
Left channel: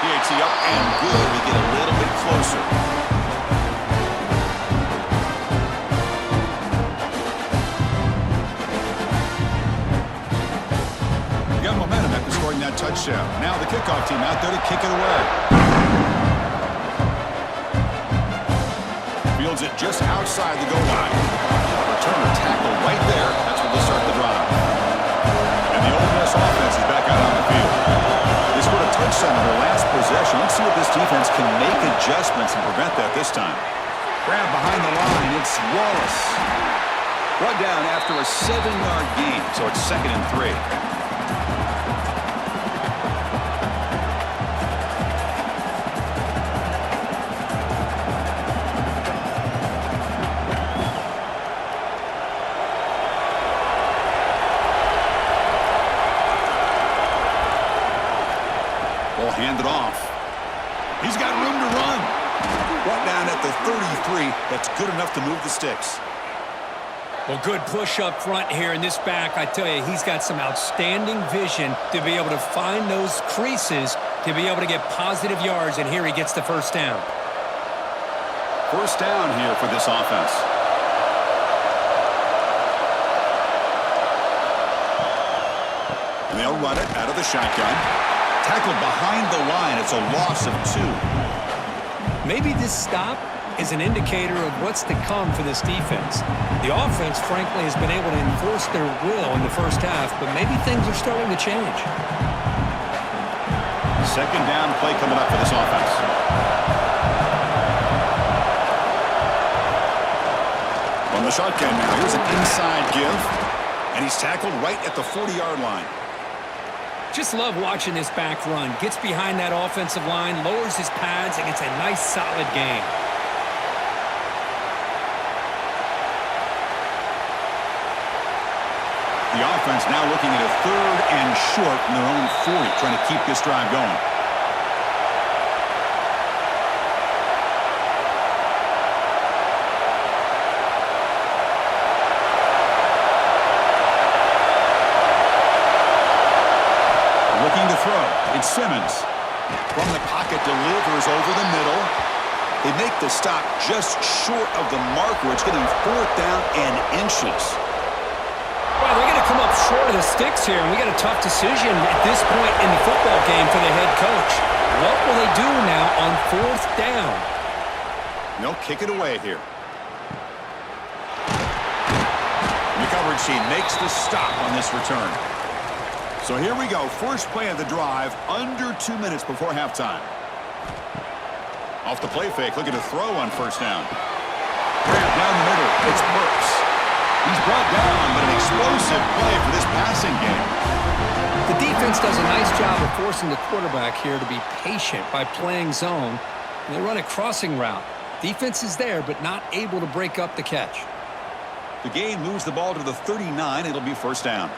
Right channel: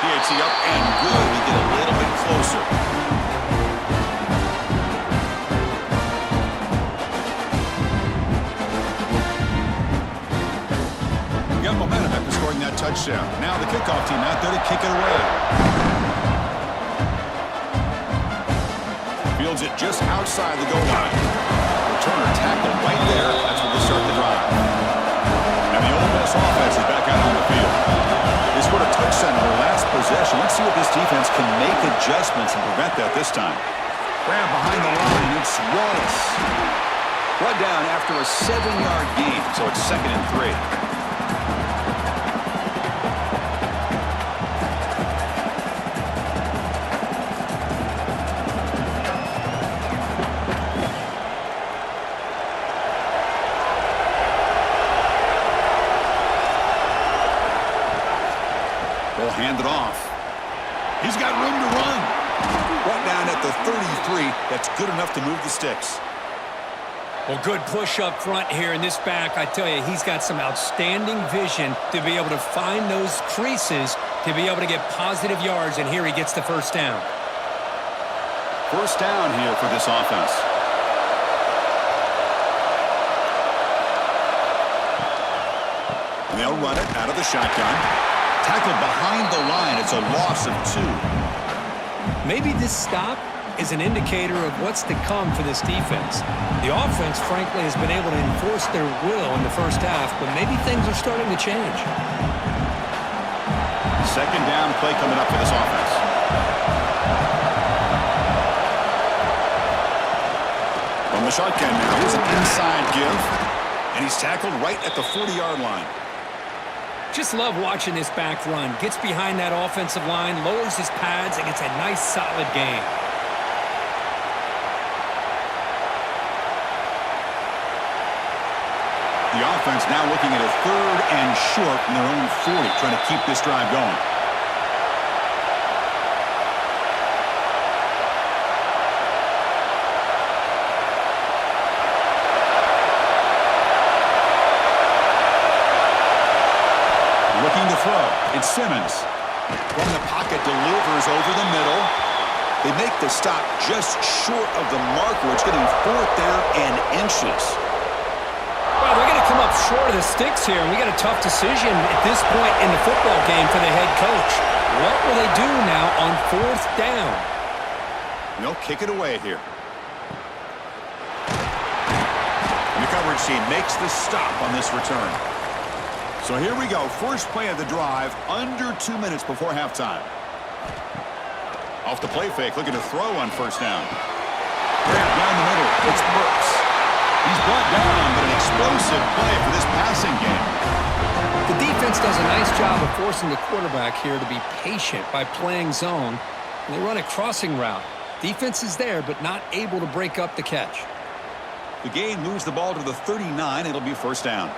PAT up and good. We get a little bit closer. We got momentum after scoring that touchdown. Now the kickoff team out there to kick it away. Fields it just outside the goal line. Returner tackled right there. That's when they'll start the drive. And the Ole Miss offense is back out on the field. They scored a touchdown in their last possession. Let's see if this defense can make adjustments and prevent that this time. Grab behind the line. It's Wallace. Brought down after a 7-yard gain, so it's 2nd and 3. They'll hand it off. He's got room to run. Brought down at the 33. That's good enough to move the sticks. Well, good push up front here, and this back, I tell you, he's got some outstanding vision to be able to find those creases, to be able to get positive yards, and here he gets the first down. First down here for this offense. And they'll run it out of the shotgun. Tackled behind the line. It's a loss of 2. Maybe this stop is an indicator of what's to come for this defense. The offense, frankly, has been able to enforce their will in the first half, but maybe things are starting to change. Second down play coming up for this offense. From the shotgun now, here's an inside give, and he's tackled right at the 40-yard line. Just love watching this back run. Gets behind that offensive line, lowers his pads, and gets a nice, solid gain. The offense now looking at a 3rd and short from their own 40, trying to keep this drive going. Looking to throw. It's Simmons. From the pocket, delivers over the middle. They make the stop just short of the marker. It's getting 4th down and inches. Well, they're going to come up short of the sticks here, and we got a tough decision at this point in the football game for the head coach. What will they do now on 4th down? They'll kick it away here. And the coverage team makes the stop on this return. So here we go. First play of the drive, under 2 minutes before halftime. Off the play fake, looking to throw on first down. Grab down the middle. It's Burks. He's brought down, but an explosive play for this passing game. The defense does a nice job of forcing the quarterback here to be patient by playing zone. And they run a crossing route. Defense is there, but not able to break up the catch. The gain moves the ball to the 39. It'll be first down.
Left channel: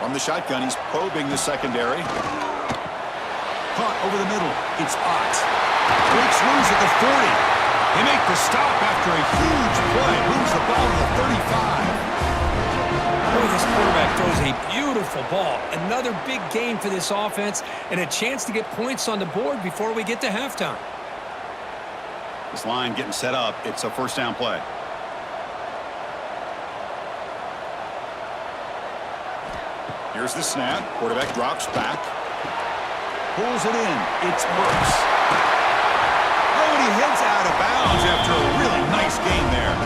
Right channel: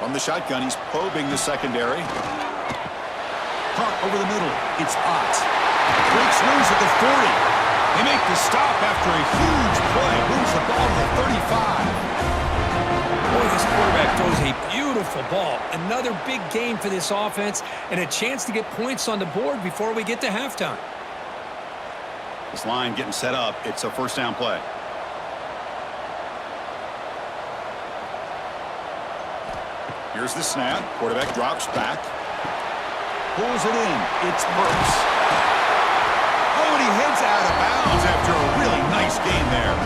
From the shotgun, he's probing the secondary. Caught over the middle. It's Ott. Breaks loose at the 40. They make the stop after a huge play. Moves the ball to the 35. Boy, this quarterback throws a beautiful ball. Another big gain for this offense and a chance to get points on the board before we get to halftime. This line getting set up. It's a first down play. Here's the snap. Quarterback drops back. Pulls it in. It's Burks. Oh, and he heads out of bounds after a really nice gain there.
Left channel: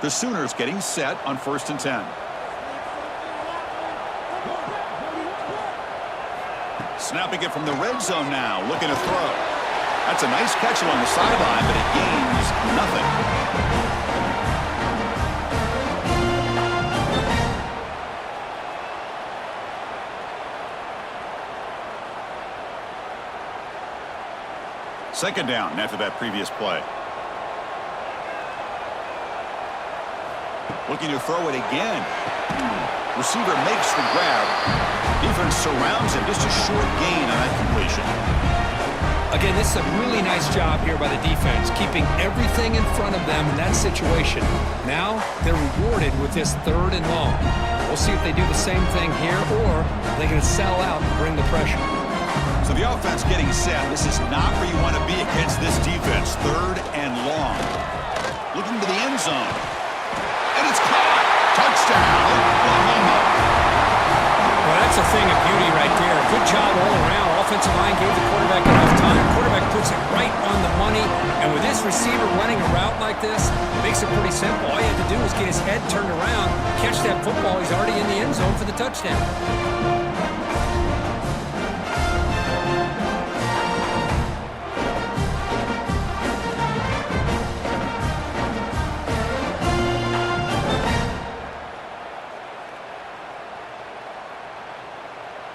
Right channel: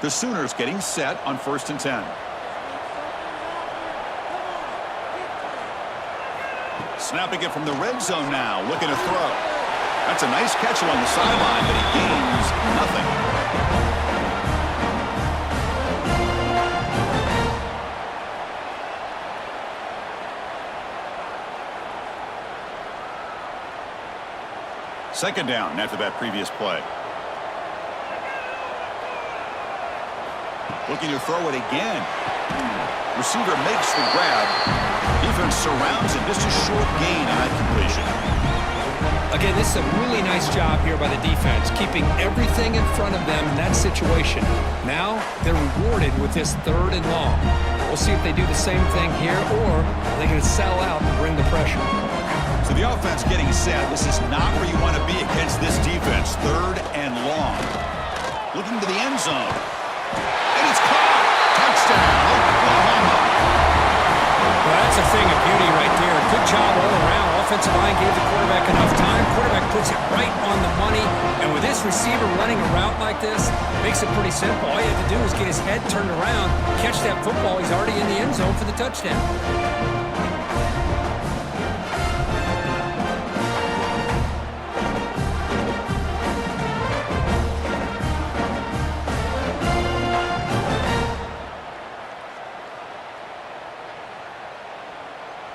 The Sooners getting set on 1st and 10. Snapping it from the red zone now, looking to throw. That's a nice catch along the sideline, but he gains nothing. Second down after that previous play. Looking to throw it again. Receiver makes the grab. Defense surrounds him. Just a short gain on that completion. Again, this is a really nice job here by the defense, keeping everything in front of them in that situation. Now they're rewarded with this 3rd and long. We'll see if they do the same thing here, or are they going to sell out and bring the pressure. So the offense getting set. This is not where you want to be against this defense. 3rd and long. Looking to the end zone. And it's caught. Touchdown, Oklahoma. Well, that's a thing of beauty right there. Good job all around. Offensive line gave the quarterback enough time. Quarterback puts it right on the money. And with this receiver running a route like this, makes it pretty simple. All you have to do is get his head turned around, catch that football. He's already in the end zone for the touchdown.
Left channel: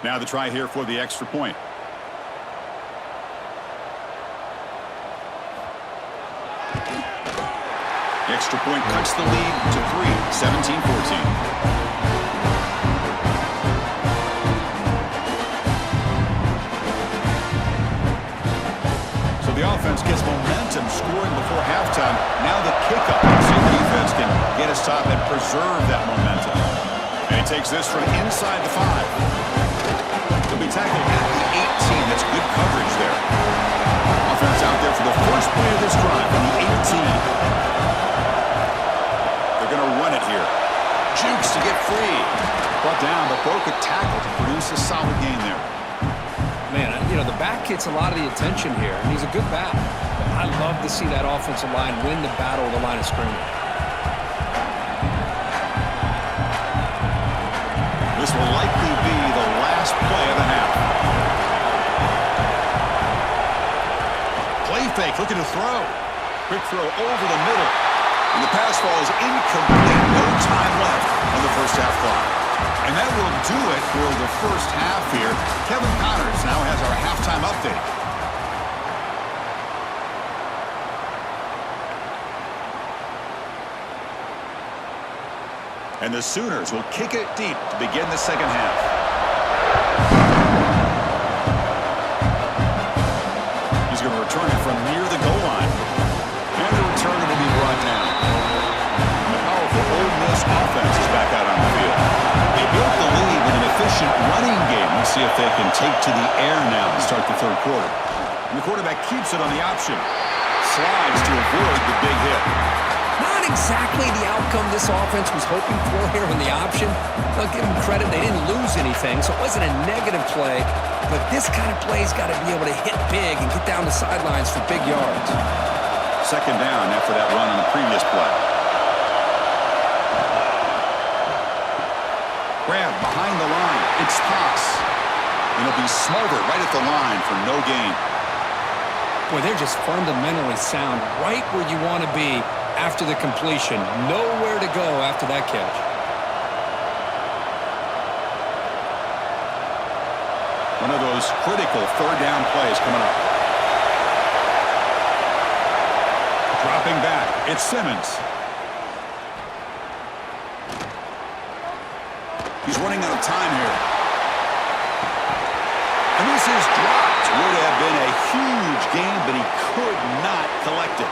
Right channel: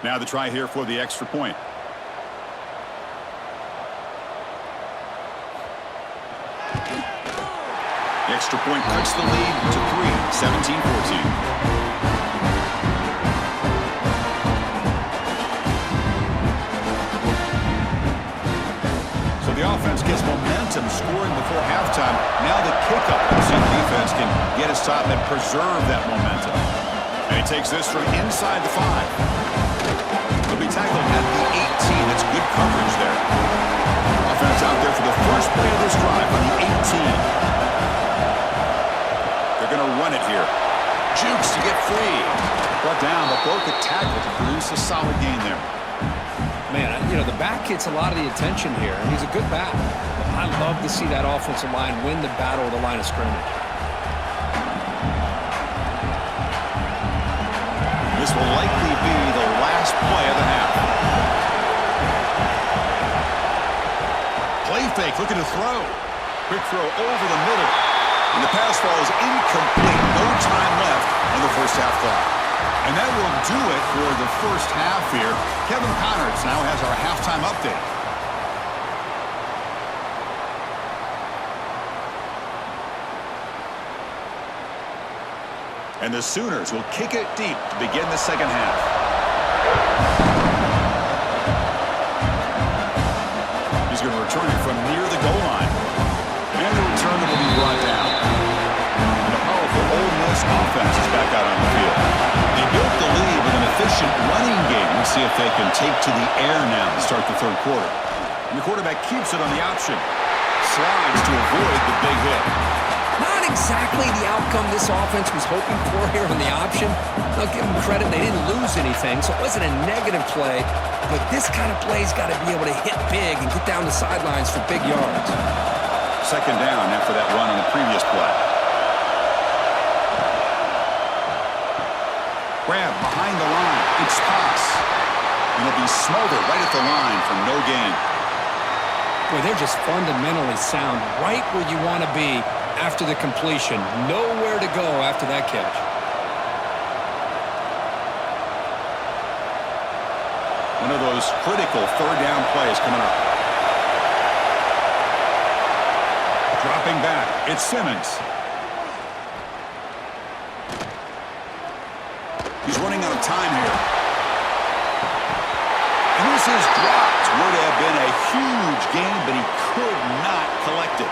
Now the try here for the extra point. The extra point cuts the lead to 3, 17-14. offense gets momentum scoring before halftime. Now the kickoff. Let's see if the defense can get a stop and preserve that momentum. And he takes this from inside the 5. He'll be tackled at the 18. That's good coverage there. Offense out there for the first play of this drive from the 18. They're going to run it here. Jukes to get free. Brought down, but broke a tackle to produce a solid gain there. Man, the back gets a lot of the attention here, and he's a good back. But I love to see that offensive line win the battle of the line of scrimmage. This will likely be the last play of the half. Play fake, looking to throw. Quick throw over the middle. And the pass falls incomplete. No time left on the first half clock. And that will do it for the first half here. Kevin Connors now has our halftime update. And the Sooners will kick it deep to begin the second half. He's going to return it from near the goal line. And the returner will be brought down. And the powerful Ole Miss offense is back out on the field. They built the lead with an efficient running game. Let's see if they can take to the air now to start the third quarter. And the quarterback keeps it on the option. Slides to avoid the big hit. Not exactly the outcome this offense was hoping for here on the option. I'll give them credit, they didn't lose anything, so it wasn't a negative play. But this kind of play's got to be able to hit big and get down the sidelines for big yards. Second down after that run on the previous play. Grab behind the line. It's toss. And it'll be smothered right at the line for no gain. Boy, they're just fundamentally sound right where you want to be after the completion. Nowhere to go after that catch. One of those critical third down plays coming up. Dropping back, it's Simmons. He's running out of time here. And this is dropped. Would have been a huge gain, but he could not collect it.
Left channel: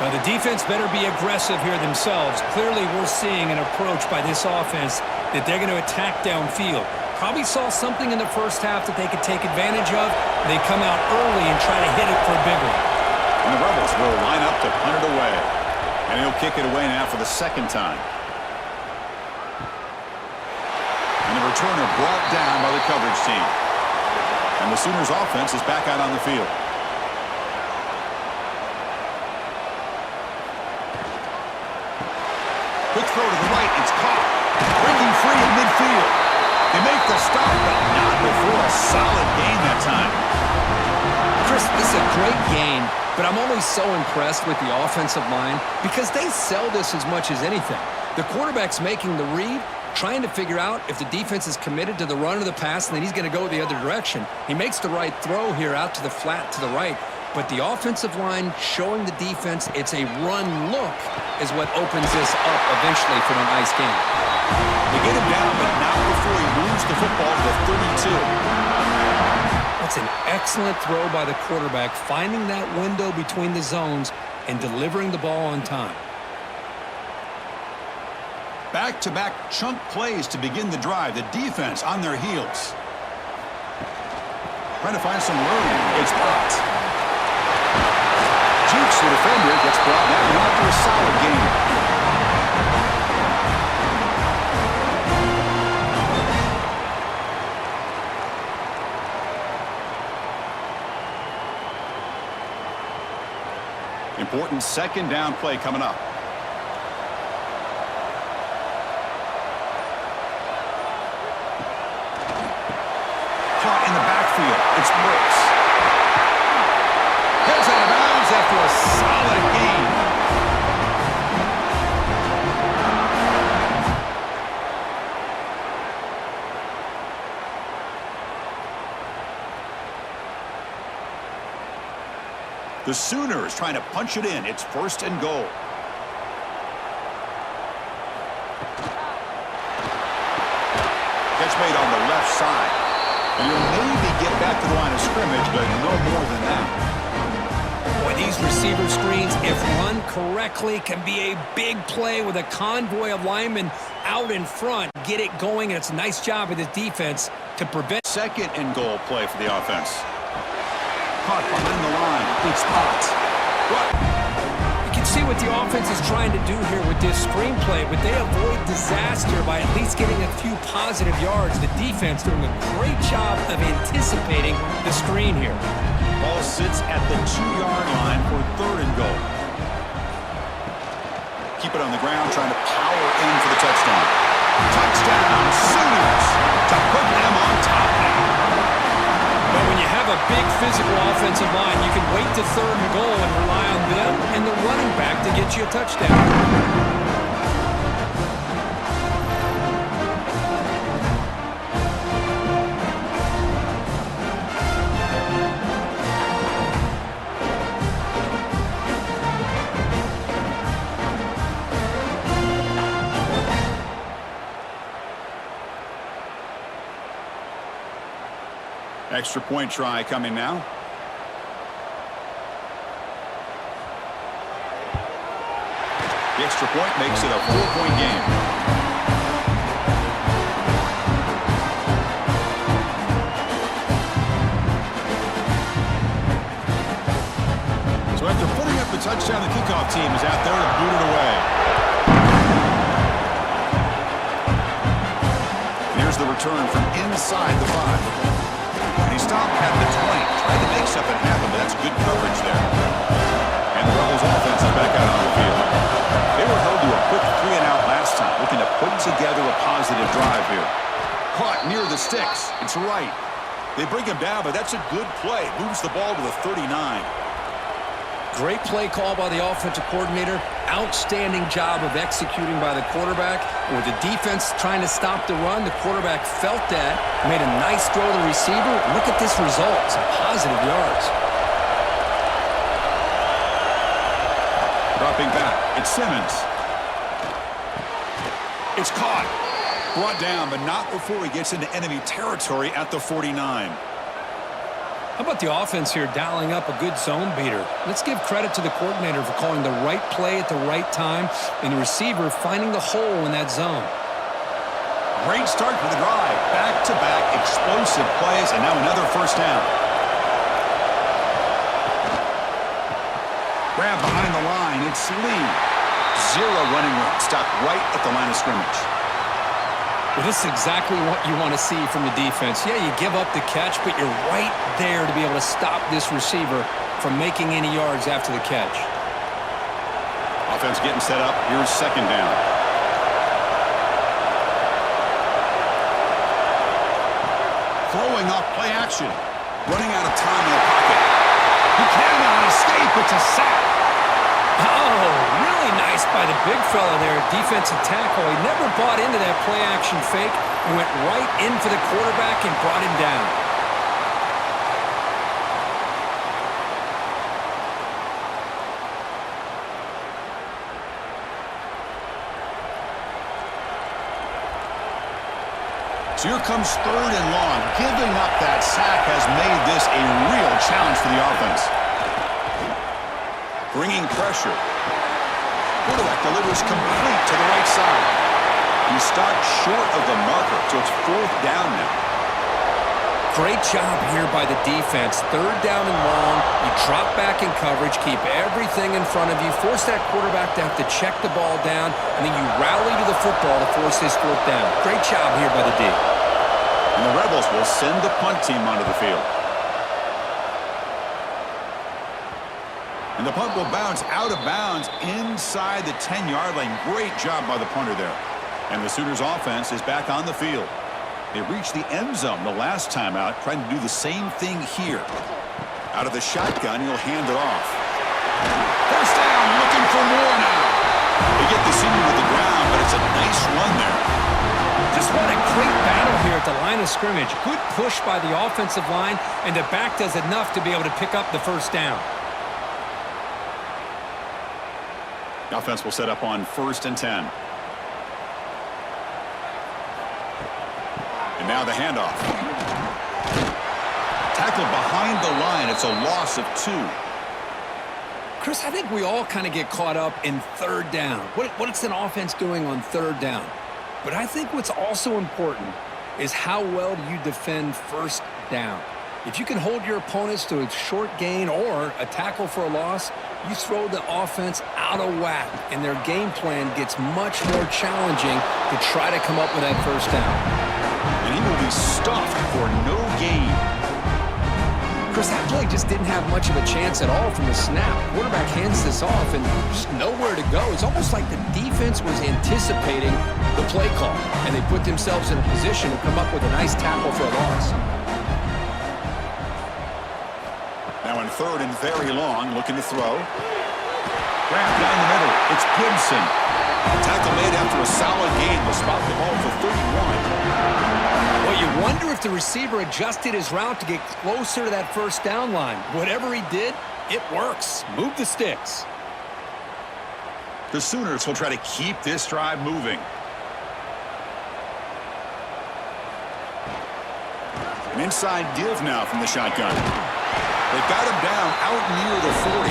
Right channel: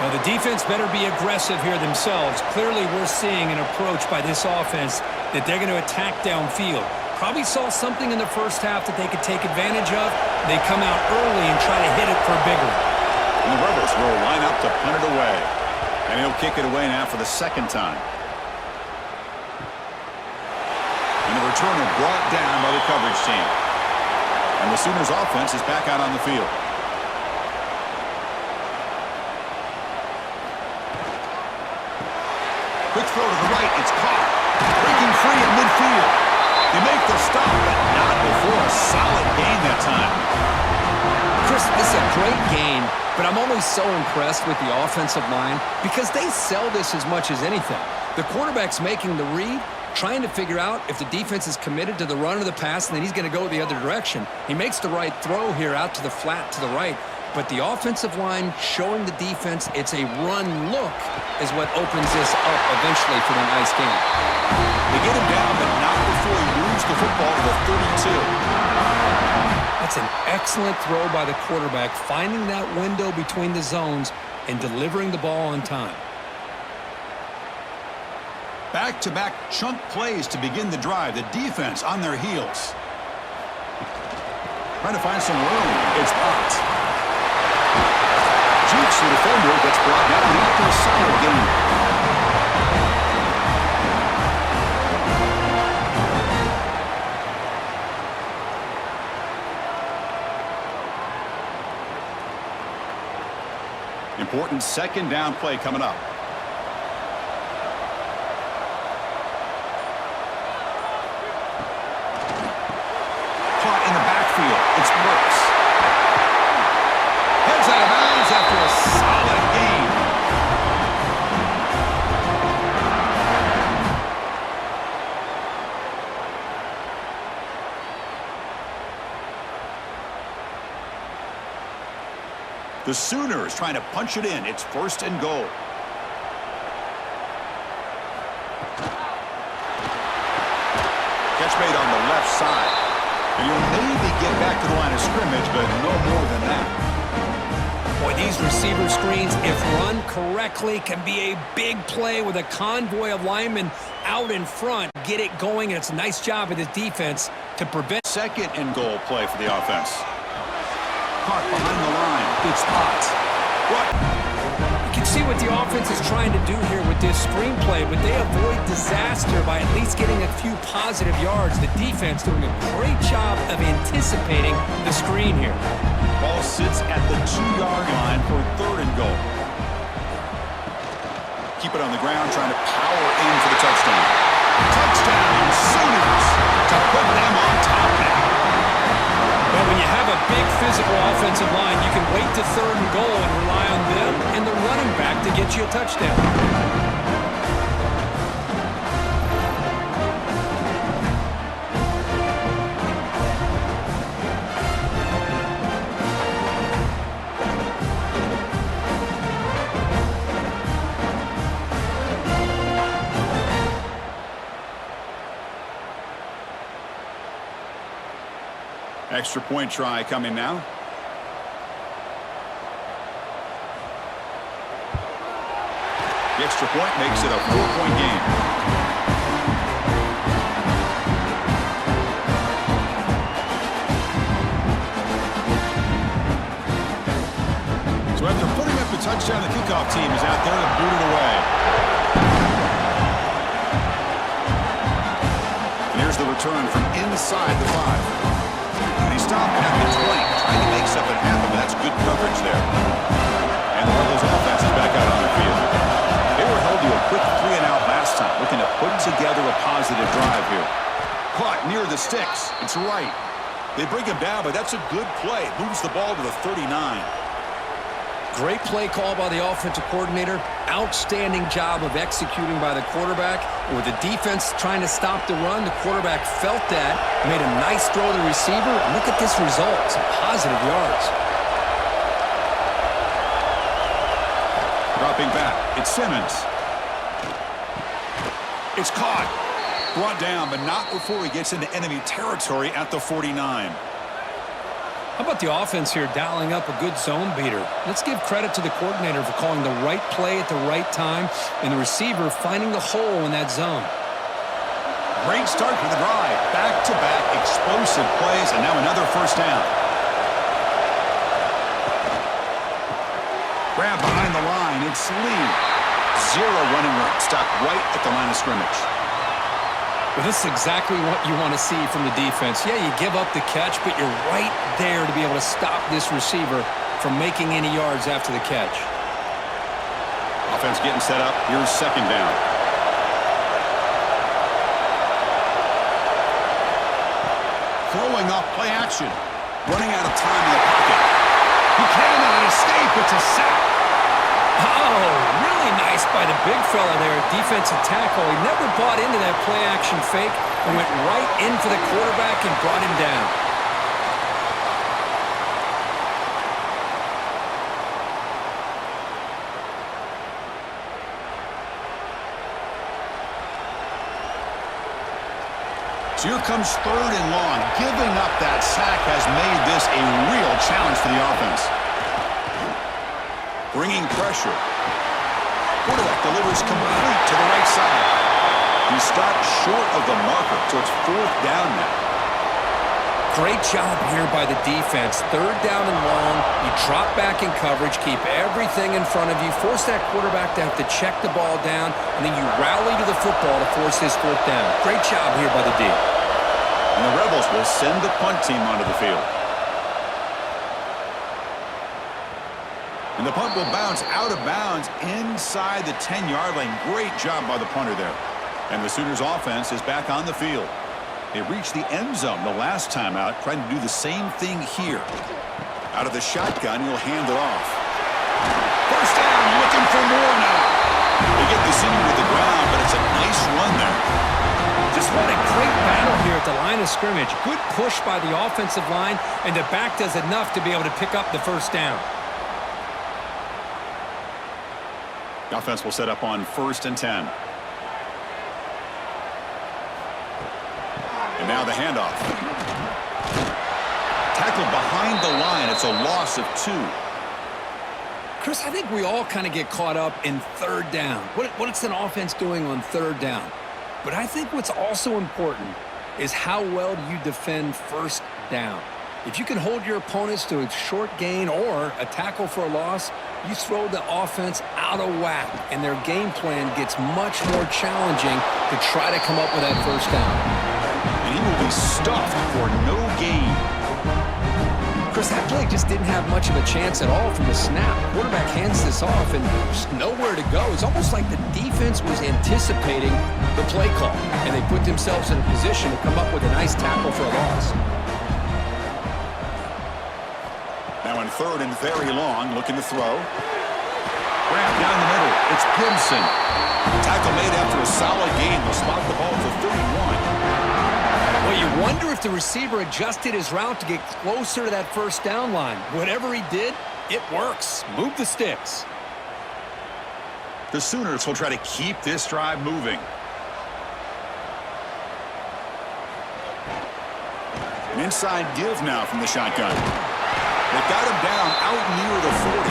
Well, the defense better be aggressive here themselves. Clearly, we're seeing an approach by this offense that they're going to attack downfield. Probably saw something in the first half that they could take advantage of. They come out early and try to hit it for a big one. And the Rebels will line up to punt it away. And he'll kick it away now for the second time. And the returner brought down by the coverage team. And the Sooners offense is back out on the field. Quick throw to the right. It's caught. Breaking free in midfield. They make the stop, but not before a solid gain that time. Chris, this is a great game, but I'm always so impressed with the offensive line because they sell this as much as anything. The quarterback's making the read, trying to figure out if the defense is committed to the run or the pass, and then he's going to go the other direction. He makes the right throw here out to the flat to the right, but the offensive line showing the defense it's a run look is what opens this up eventually for the nice game. They get him down, but not before he moves the football to the 32. That's an excellent throw by the quarterback, finding that window between the zones and delivering the ball on time. Back-to-back chunk plays to begin the drive. The defense on their heels. Trying to find some room. It's blocked. Jukes, the defender, gets brought down after a solid gain. Important second down play coming up. Caught in the backfield. It's Burks. Heads out of bounds after a solid gain. The Sooners trying to punch it in. It's first and goal. Catch made on the left side. And he'll maybe get back to the line of scrimmage, but no more than that. Boy, these receiver screens, if run correctly, can be a big play with a convoy of linemen out in front. Get it going, and it's a nice job of the defense to prevent. Second and goal play for the offense. Caught behind the line. It's hot. Right. You can see what the offense is trying to do here with this screenplay, but they avoid disaster by at least getting a few positive yards. The defense doing a great job of anticipating the screen here. Ball sits at the 2-yard line for third and goal. Keep it on the ground, trying to power in for the touchdown. Touchdown, Sooners, to put them on top now. But when you have a big physical offensive line, you can wait to third and goal and rely on them and the running back to get you a touchdown. Extra point try coming now. The extra point makes it a 4-point game. So after putting up the touchdown, the kickoff team is out there to boot it away. And here's the return from inside the 5. And he stopped at the 20. Tried to make something happen, but that's good coverage there. And the Rebels offense is back out on the field. They were held to a quick 3-and-out last time, looking to put together a positive drive here. Caught near the sticks. It's right. They bring him down, but that's a good play. Moves the ball to the 39. Great play call by the offensive coordinator. Outstanding job of executing by the quarterback. With the defense trying to stop the run, the quarterback felt that, made a nice throw to the receiver. And look at this result, some positive yards. Dropping back, it's Simmons. It's caught. Brought down, but not before he gets into enemy territory at the 49. How about the offense here dialing up a good zone beater? Let's give credit to the coordinator for calling the right play at the right time and the receiver finding the hole in that zone. Great start to the drive. Back-to-back explosive plays, and now another first down. Grab behind the line. It's Lee. Zero running room. Stopped right at the line of scrimmage. Well, this is exactly what you want to see from the defense. Yeah, you give up the catch, but you're right there to be able to stop this receiver from making any yards after the catch. Offense getting set up. Here's second down. Throwing off play action. Running out of time in the pocket. He cannot escape. It's a sack. Oh, really nice by the big fella there, defensive tackle. He never bought into that play-action fake and went right in for the quarterback and brought him down. So here comes third and long. Giving up that sack has made this a real challenge for the offense. Bringing pressure. Quarterback delivers complete to the right side. He stopped short of the marker, so it's fourth down now. Great job here by the defense. Third down and long. You drop back in coverage, keep everything in front of you, force that quarterback to have to check the ball down, and then you rally to the football to force this fourth down. Great job here by the D. And the Rebels will send the punt team onto the field. And the punt will bounce out of bounds inside the 10-yard line. Great job by the punter there. And the Sooners offense is back on the field. They reached the end zone the last time out, trying to do the same thing here. Out of the shotgun, he'll hand it off. First down, looking for more now. They get the senior to the ground, but it's a nice run there. Just what a great battle here at the line of scrimmage. Good push by the offensive line, and the back does enough to be able to pick up the first down. The offense will set up on 1st and 10. And now the handoff. Tackled behind the line. It's a loss of 2. Chris, I think we all kind of get caught up in third down. What's an offense doing on third down? But I think what's also important is how well do you defend first down. If you can hold your opponents to a short gain or a tackle for a loss, you throw the offense out of whack, and their game plan gets much more challenging to try to come up with that first down. And he will be stuffed for no gain. Chris, that play just didn't have much of a chance at all from the snap. Quarterback hands this off and just nowhere to go. It's almost like the defense was anticipating the play call, and they put themselves in a position to come up with a nice tackle for a loss. Now in third and very long, looking to throw. Grab down the middle. It's Gibson. Tackle made after a solid gain. They'll spot the ball for 31. Well, you wonder if the receiver adjusted his route to get closer to that first down line. Whatever he did, it works. Move the sticks. The Sooners will try to keep this drive moving. An inside give now from the shotgun. They've got him down out near the 40.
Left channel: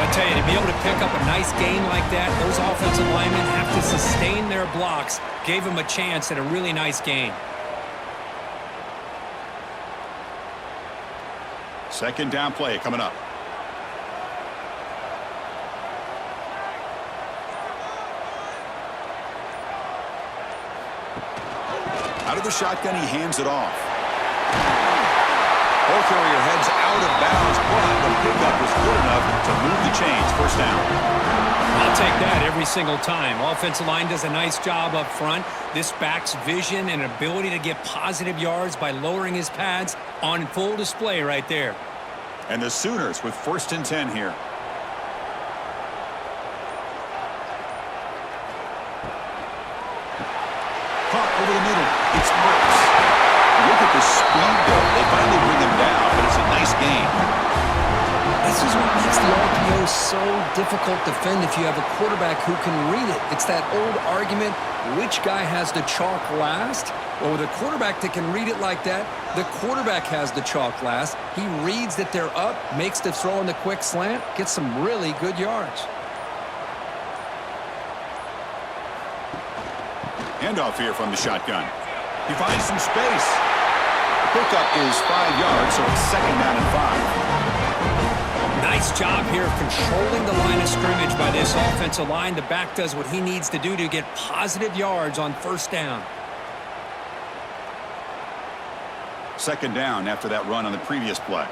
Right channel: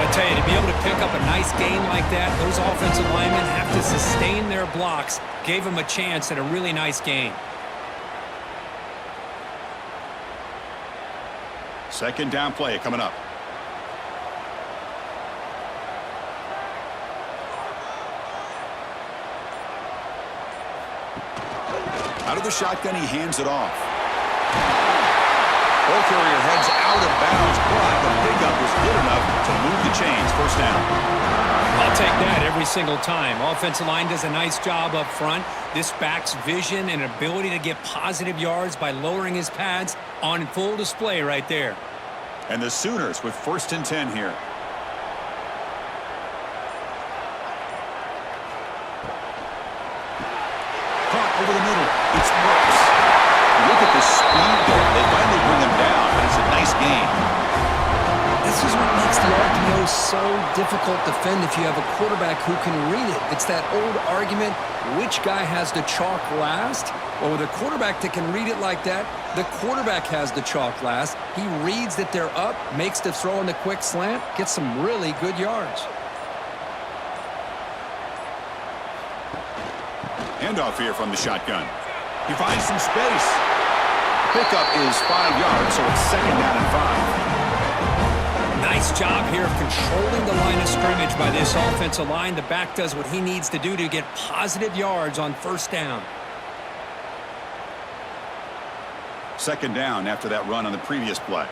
I tell you, to be able to pick up a nice gain like that, those offensive linemen have to sustain their blocks. Gave him a chance at a really nice gain. Second down play coming up. Out of the shotgun, he hands it off. Ball carrier heads out of bounds, but the pickup was good enough to move the chains. First down. I'll take that every single time. Offensive line does a nice job up front. This back's vision and ability to get positive yards by lowering his pads on full display right there. And the Sooners with first and 10 here. Caught over the middle. It's Brooks. Look at the speed there. They finally bring him down, but it's a nice gain. This is what makes the RPO so difficult to defend if you have a quarterback who can read it. It's that old argument, which guy has the chalk last? Well, with a quarterback that can read it like that, the quarterback has the chalk last. He reads that they're up, makes the throw in the quick slant, gets some really good yards. Handoff here from the shotgun. He finds some space. The pickup is 5 yards, so it's second down and 5. Nice job here of controlling the line of scrimmage by this offensive line. The back does what he needs to do to get positive yards on first down. Second down after that run on the previous play.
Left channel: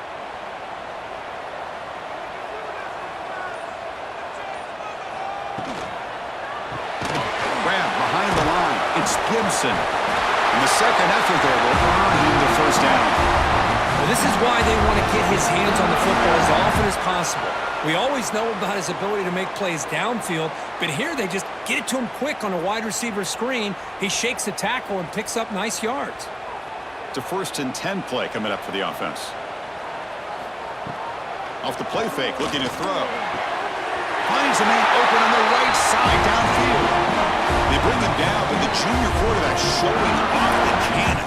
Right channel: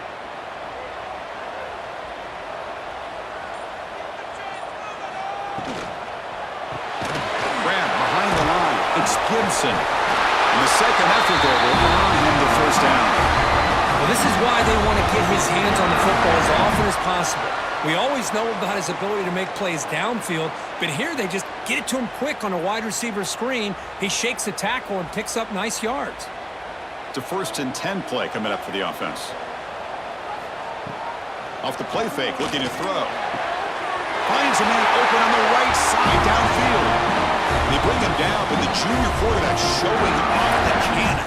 Grab behind the line. It's Gibson. And the second effort there will earn him the first down. Well, this is why they want to get his hands on the football as often as possible. We always know about his ability to make plays downfield, but here they just get it to him quick on a wide receiver screen. He shakes the tackle and picks up nice yards. It's a first and 10 play coming up for the offense. Off the play fake, looking to throw. Finds a man open on the right side downfield. They bring him down, but the junior quarterback showing off the cannon.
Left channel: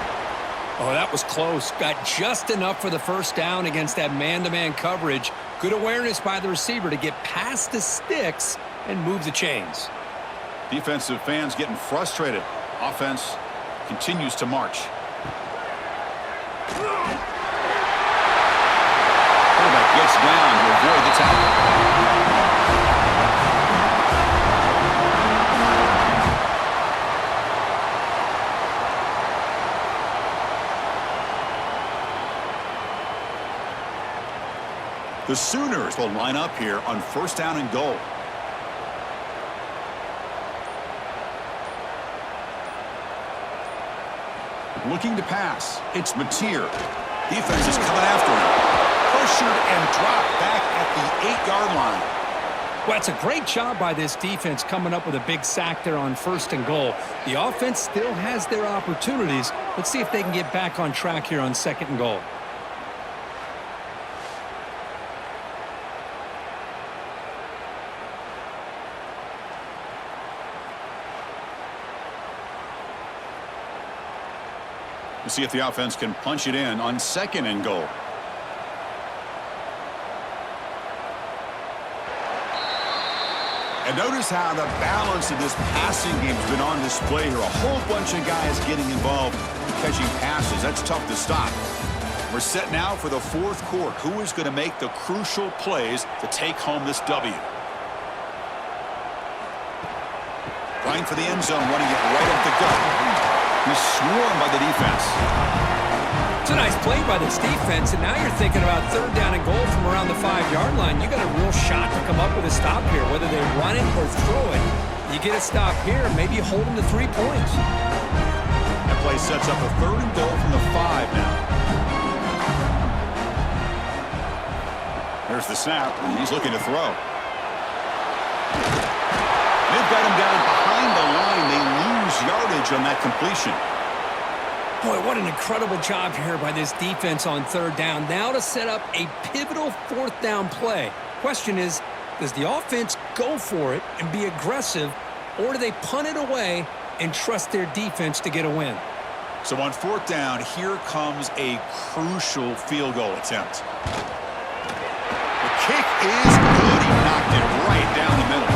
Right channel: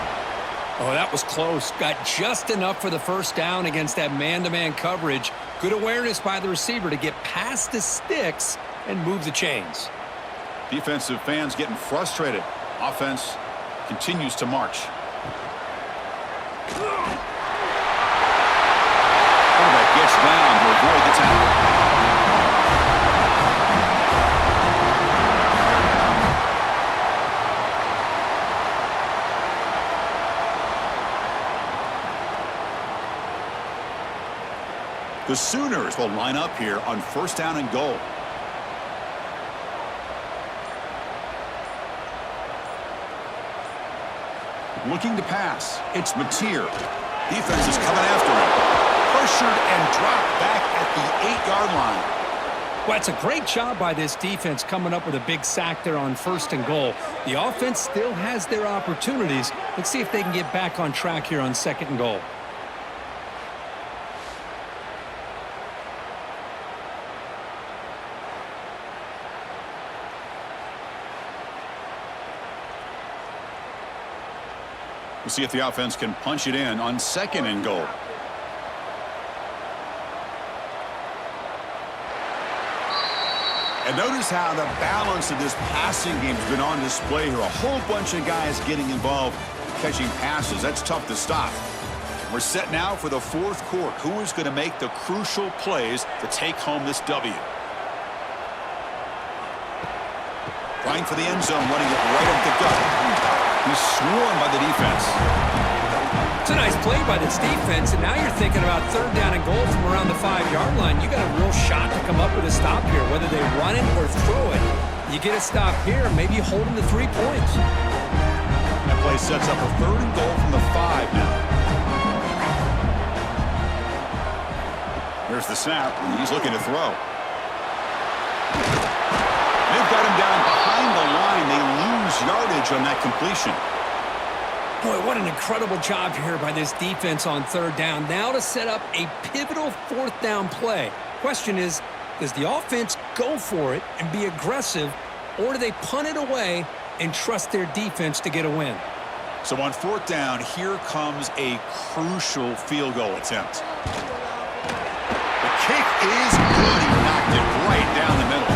Oh, that was close. Got just enough for the first down against that man-to-man coverage. Good awareness by the receiver to get past the sticks and move the chains. Defensive fans getting frustrated. Offense continues to march. Quarterback gets down to avoid the tackle. The Sooners will line up here on first down and goal. Looking to pass. It's Mateer. Defense is coming after him. Pressured and dropped back at the 8-yard line. Well, it's a great job by this defense coming up with a big sack there on first and goal. The offense still has their opportunities. Let's see if they can get back on track here on second and goal. We'll see if the offense can punch it in on second and goal. And notice how the balance of this passing game has been on display here. A whole bunch of guys getting involved catching passes. That's tough to stop. We're set now for the fourth quarter. Who is going to make the crucial plays to take home this W? Trying for the end zone, running it right up the gut. He's swarmed by the defense. It's a nice play by this defense, and now you're thinking about third down and goal from around the 5-yard line. You got a real shot to come up with a stop here, whether they run it or throw it. You get a stop here, maybe you hold them to 3 points. That play sets up a third and goal from the 5 now. Here's the snap. He's looking to throw. They've got him down behind the line. They lose yardage on that completion. Boy, what an incredible job here by this defense on third down. Now to set up a pivotal fourth down play. Question is, does the offense go for it and be aggressive, or do they punt it away and trust their defense to get a win? So on fourth down, here comes a crucial field goal attempt. The kick is good. He knocked it right down the middle.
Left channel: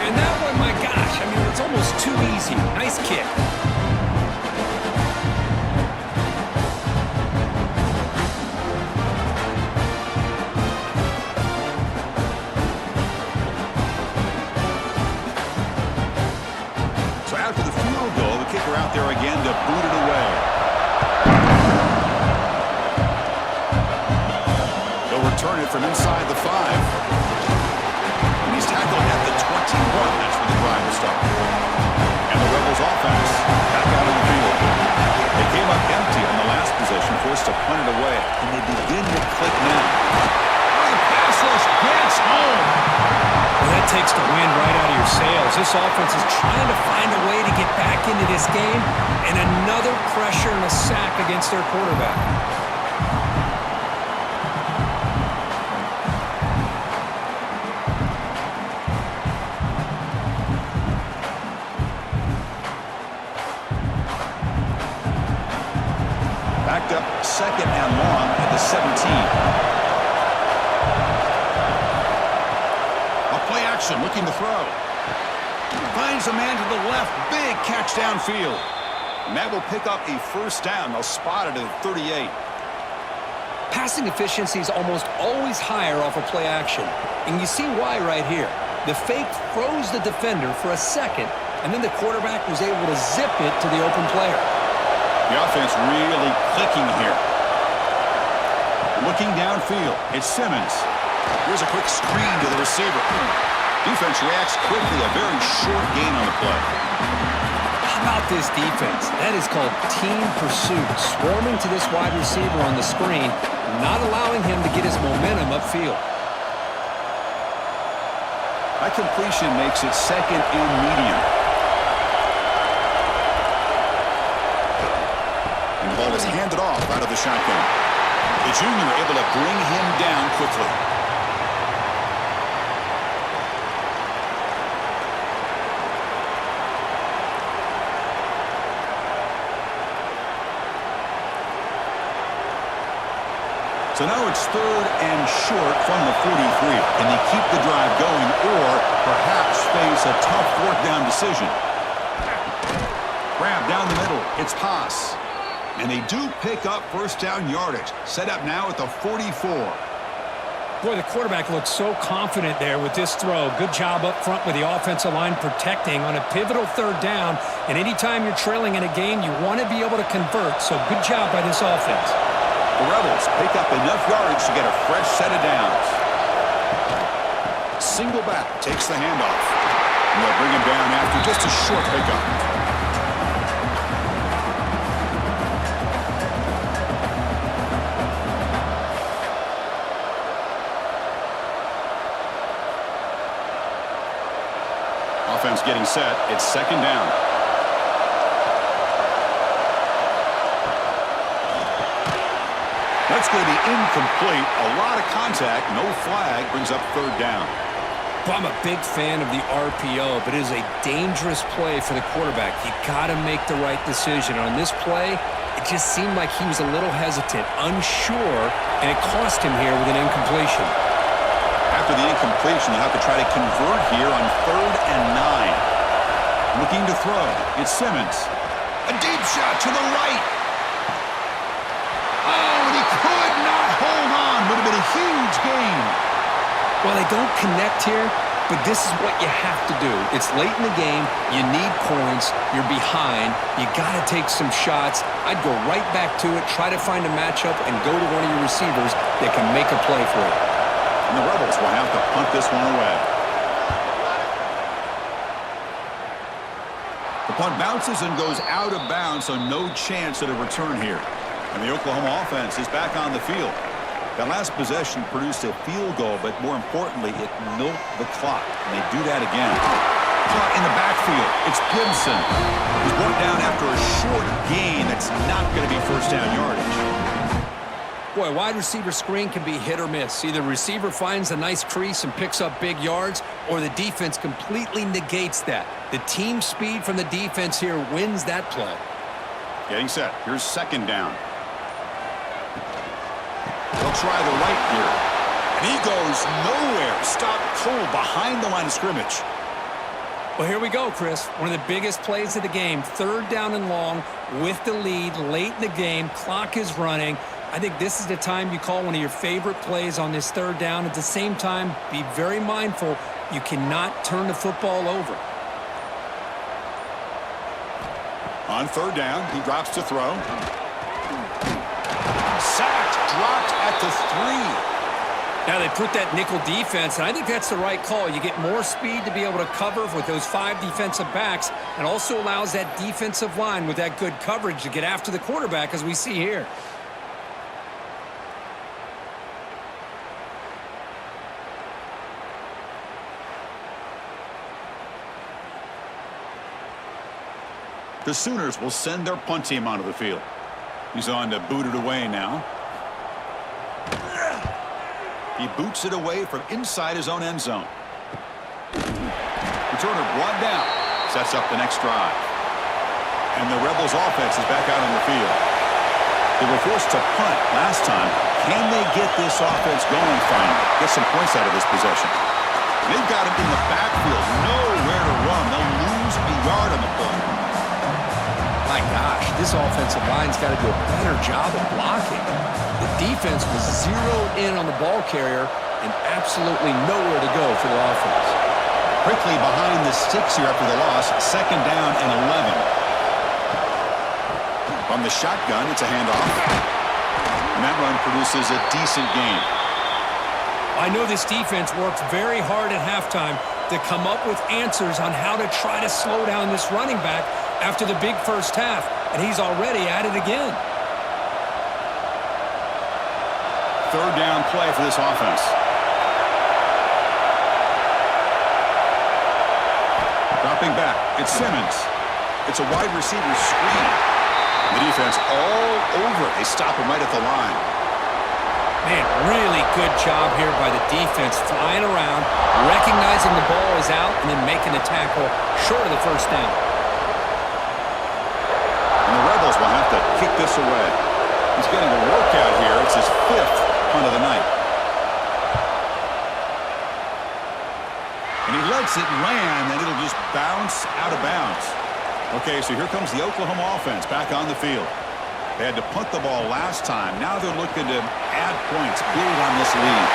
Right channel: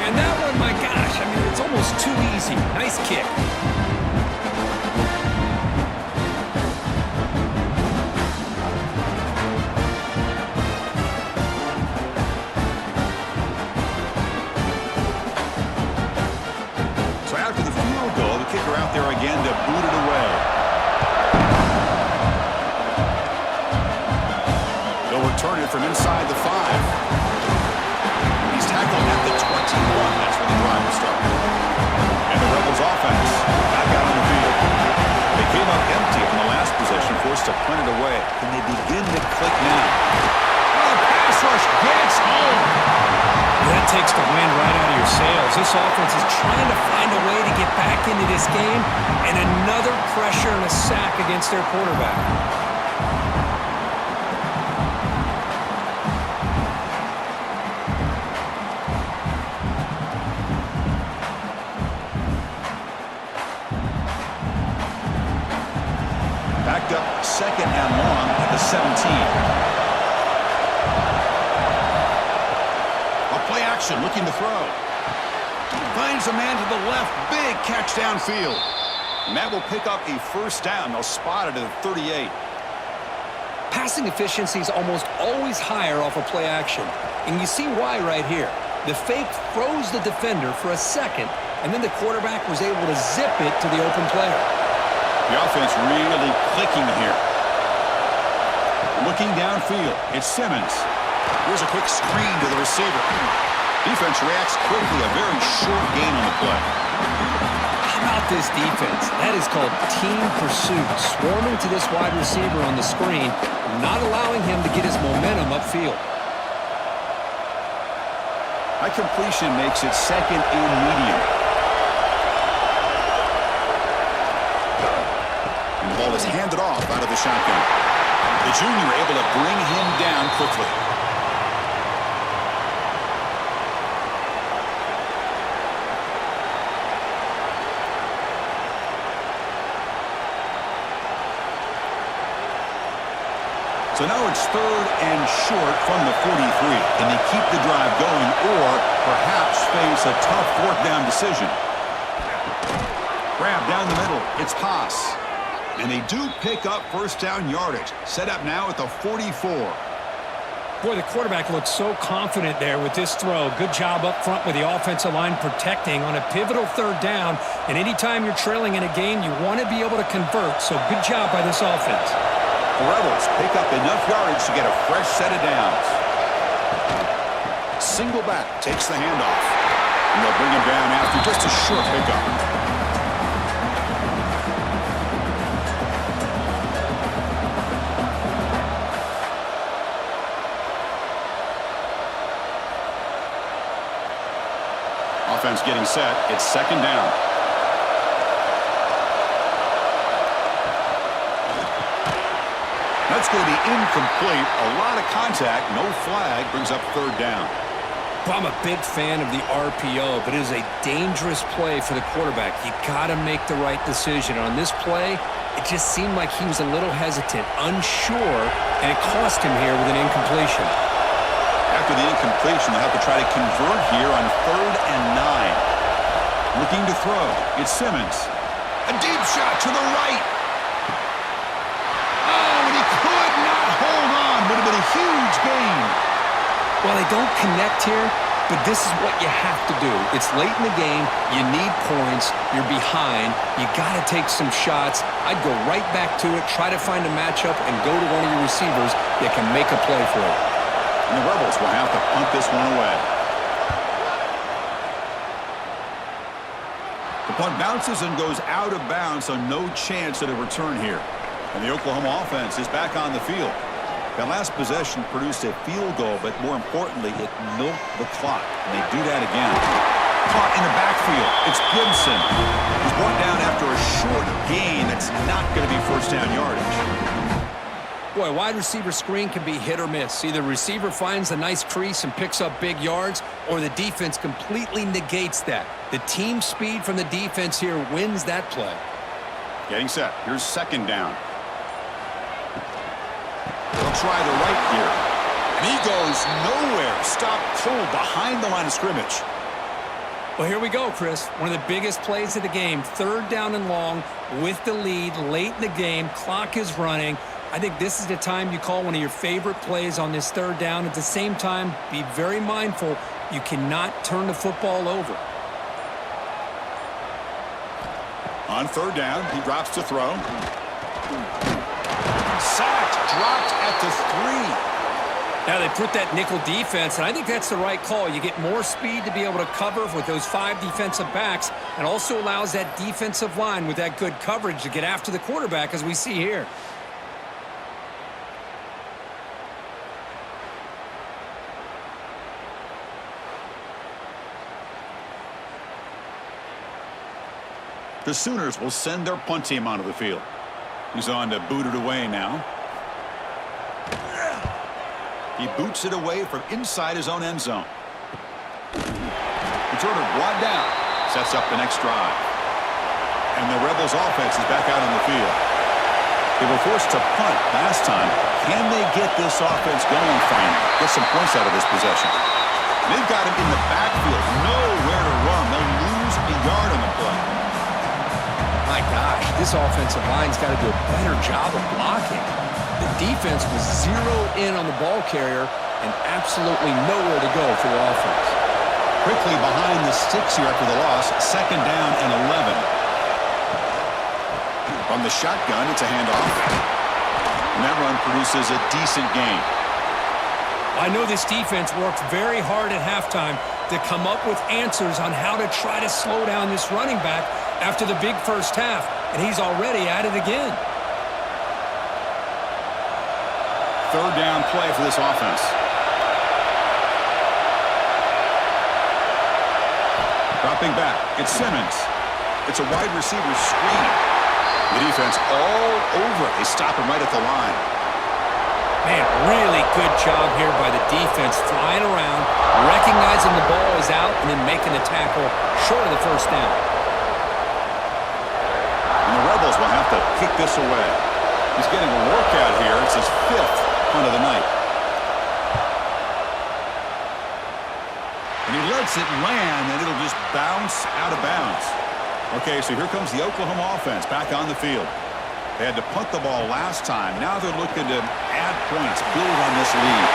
And that one, my gosh, I mean, it's almost too easy. Nice kick. So after the field goal, the kicker out there again to boot it away. They'll return it from inside the 5. And he's tackled at the 21. That's where the drive will start. And the Rebels offense back out on the field. They came up empty on the last possession, forced to punt it away. And they begin to click now. Oh, the pass rush gets home. That takes the wind right out of your sails. This offense is trying to find a way to get back into this game, and another pressure and a sack against their quarterback. Backed up second and long at the 17. Play action, looking to throw. Finds a man to the left. Big catch downfield. And that will pick up a first down. They'll spot it at the 38. Passing efficiency is almost always higher off of play action. And you see why right here. The fake froze the defender for a second, and then the quarterback was able to zip it to the open player. The offense really clicking here. Looking downfield. It's Simmons. Here's a quick screen to the receiver. Defense reacts quickly. A very short gain on the play. How about this defense? That is called team pursuit. Swarming to this wide receiver on the screen, not allowing him to get his momentum upfield. That completion makes it second and medium. And the ball is handed off out of the shotgun. The junior able to bring him down quickly. So now it's third and short from the 43. Can they keep the drive going or perhaps face a tough fourth down decision? Grab down the middle. It's Haas. And they do pick up first down yardage. Set up now at the 44. Boy, the quarterback looks so confident there with this throw. Good job up front with the offensive line protecting on a pivotal third down. And anytime you're trailing in a game, you want to be able to convert. So good job by this offense. The Rebels pick up enough yardage to get a fresh set of downs. Single back takes the handoff. And they'll bring him down after just a short pickup. Offense getting set. It's second down. That's going to be incomplete. A lot of contact. No flag. Brings up third down. Well, I'm a big fan of the RPO, but it is a dangerous play for the quarterback. You got to make the right decision. On this play, it just seemed like he was a little hesitant, unsure, and it cost him here with an incompletion. After the incompletion, they'll have to try to convert here on 3rd and 9. Looking to throw. It's Simmons. A deep shot to the right. Oh, and he could not hold on. Would have been a huge gain. Well, they don't connect here, but this is what you have to do. It's late in the game. You need points. You're behind. You got to take some shots. I'd go right back to it, try to find a matchup, and go to one of your receivers that can make a play for you. And the Rebels will have to punt this one away. The punt bounces and goes out of bounds, so no chance at a return here. And the Oklahoma offense is back on the field. That last possession produced a field goal, but more importantly, it milked the clock. And they do that again. Caught in the backfield. It's Gibson. He's brought down after a short gain. That's not going to be first down yardage. Boy, wide receiver screen can be hit or miss. Either receiver finds a nice crease and picks up big yards, or the defense completely negates that. The team speed from the defense here wins that play. Getting set. Here's 2nd down. They'll try the right here. And he goes nowhere. Stopped cold behind the line of scrimmage. Well, here we go, Chris. One of the biggest plays of the game. 3rd down and long with the lead late in the game. Clock is running. I think this is the time you call one of your favorite plays on this 3rd down. At the same time, be very mindful. You cannot turn the football over. On 3rd down, he drops to throw. Sacked, dropped at the 3. Now they put that nickel defense, and I think that's the right call. You get more speed to be able to cover with those 5 defensive backs, and also allows that defensive line with that good coverage to get after the quarterback, as we see here. The Sooners will send their punt team onto the field. He's on to boot it away now. He boots it away from inside his own end zone. Returner brought down. Sets up the next drive. And the Rebels offense is back out on the field. They were forced to punt last time. Can they get this offense going finally? Get some points out of this possession. They've got him in the backfield. Nowhere to run. They'll lose a yard on the play. My gosh, this offensive line's got to do a better job of blocking. The defense was zeroed in on the ball carrier and absolutely nowhere to go for the offense. Quickly behind the sticks here after the loss. 2nd down and 11. From the shotgun, it's a handoff. And that run produces a decent gain. I know this defense worked very hard at halftime to come up with answers on how to try to slow down this running back after the big first half, and he's already at it again. 3rd down play for this offense. Dropping back, it's Simmons. It's a wide receiver screen. The defense all over it. They stop him right at the line. Man, really good job here by the defense, flying around, recognizing the ball is out, and then making the tackle short of the first down. And the Rebels will have to kick this away. He's getting a workout here. It's his 5th punt of the night. And he lets it land, and it'll just bounce out of bounds. Okay, so here comes the Oklahoma offense back on the field. They had to punt the ball last time. Now they're looking to add points, build on this lead.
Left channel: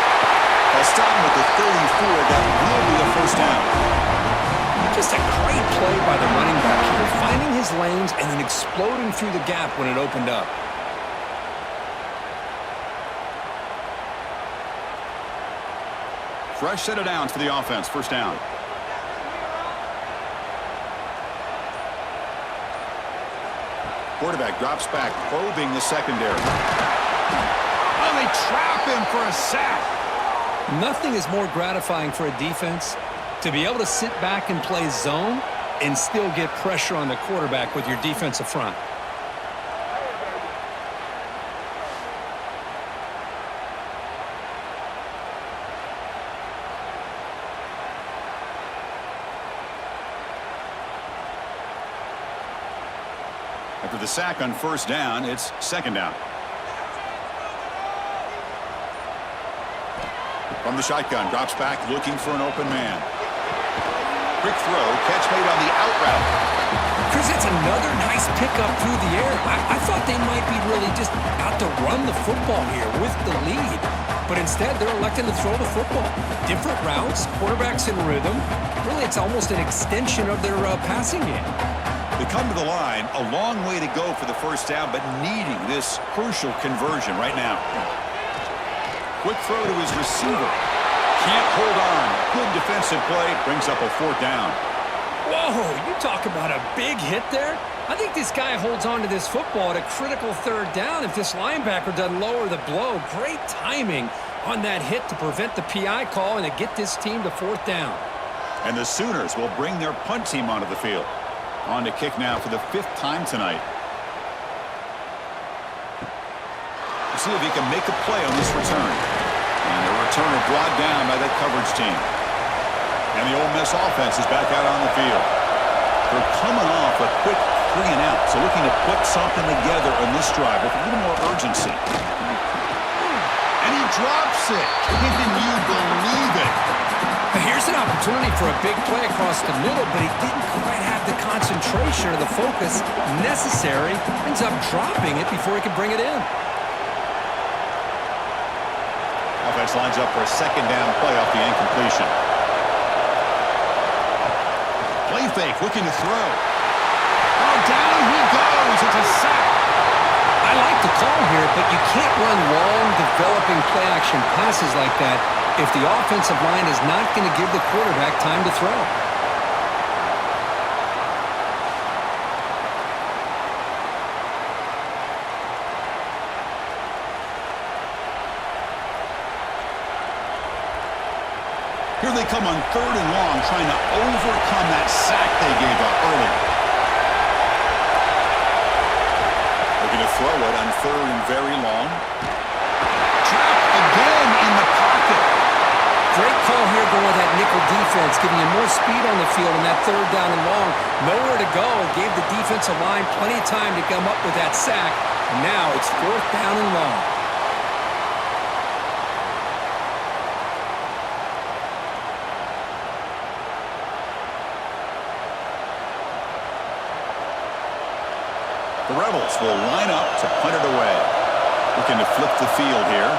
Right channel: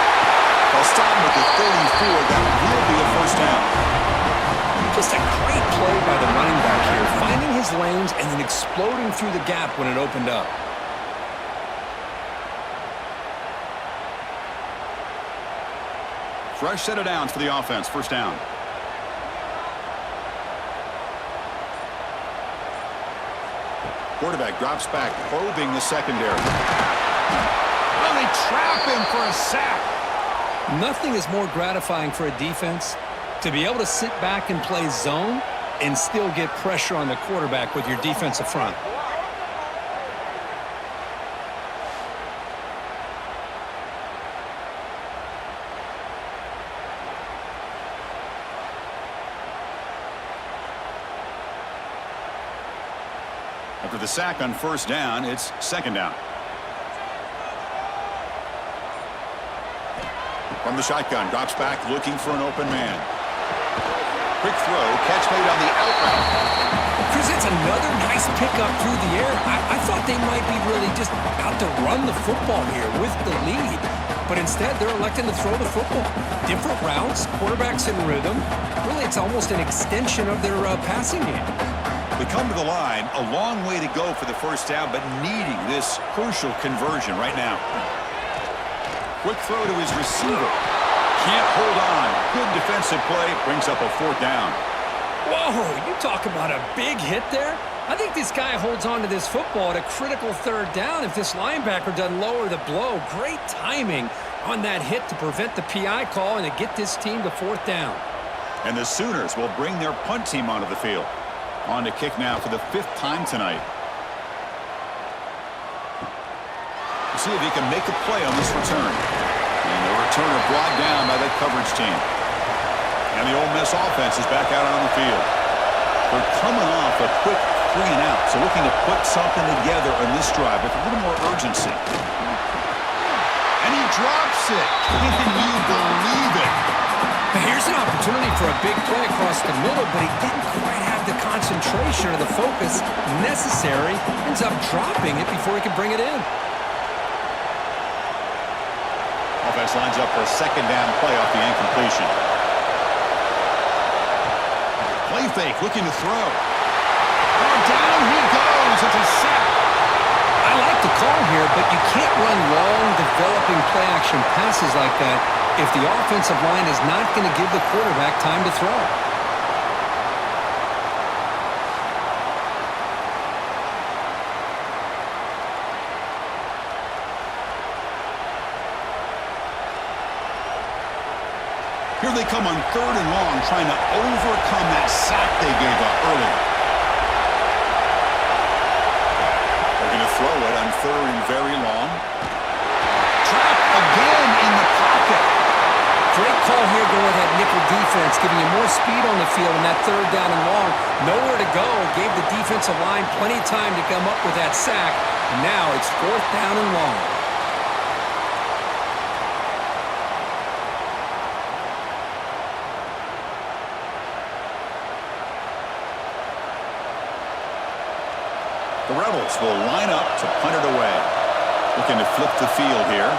They'll stop him at the 34. That will be a first down. Just a great play by the running back here, finding his lanes and then exploding through the gap when it opened up. Fresh set of downs for the offense. First down. Quarterback drops back, probing the secondary. Oh, they trap him for a sack. Nothing is more gratifying for a defense to be able to sit back and play zone and still get pressure on the quarterback with your defensive front. After the sack on first down, it's 2nd down. From the shotgun, drops back, looking for an open man. Quick throw, catch made on the out route. Chris, that's another nice pickup through the air. I thought they might be really just out to run the football here with the lead. But instead, they're electing to throw the football. Different routes, quarterbacks in rhythm. Really, it's almost an extension of their passing game. They come to the line, a long way to go for the first down, but needing this crucial conversion right now. Quick throw to his receiver. Can't hold on. Good defensive play. Brings up a fourth down. Whoa, you talk about a big hit there. I think this guy holds on to this football at a critical third down if this linebacker doesn't lower the blow. Great timing on that hit to prevent the PI call and to get this team to fourth down. And the Sooners will bring their punt team onto the field. On to kick now for the 5th time tonight. We'll see if he can make a play on this return. And the returner brought down by that coverage team. And the Ole Miss offense is back out on the field. They're coming off a quick 3 and out, so looking to put something together on this drive with a little more urgency. And he drops it. Can you believe it? Here's an opportunity for a big play across the middle, but he didn't quite have the concentration or the focus necessary. Ends up dropping it before he could bring it in. Offense lines up for a 2nd down play off the incompletion. Play fake, looking to throw. Oh, down he goes. It's a sack. I like the call here, but you can't run long, developing play-action passes like that if the offensive line is not going to give the quarterback time to throw. Here they come on 3rd and long, trying to overcome that sack they gave up earlier. They're going to throw it on 3rd and very long. Trapped again in the pocket. Great call here going with that nickel defense, giving you more speed on the field in that 3rd down and long. Nowhere to go. Gave the defensive line plenty of time to come up with that sack. And now it's 4th down and long. The Rebels will line up to punt it away. Looking to flip the field here.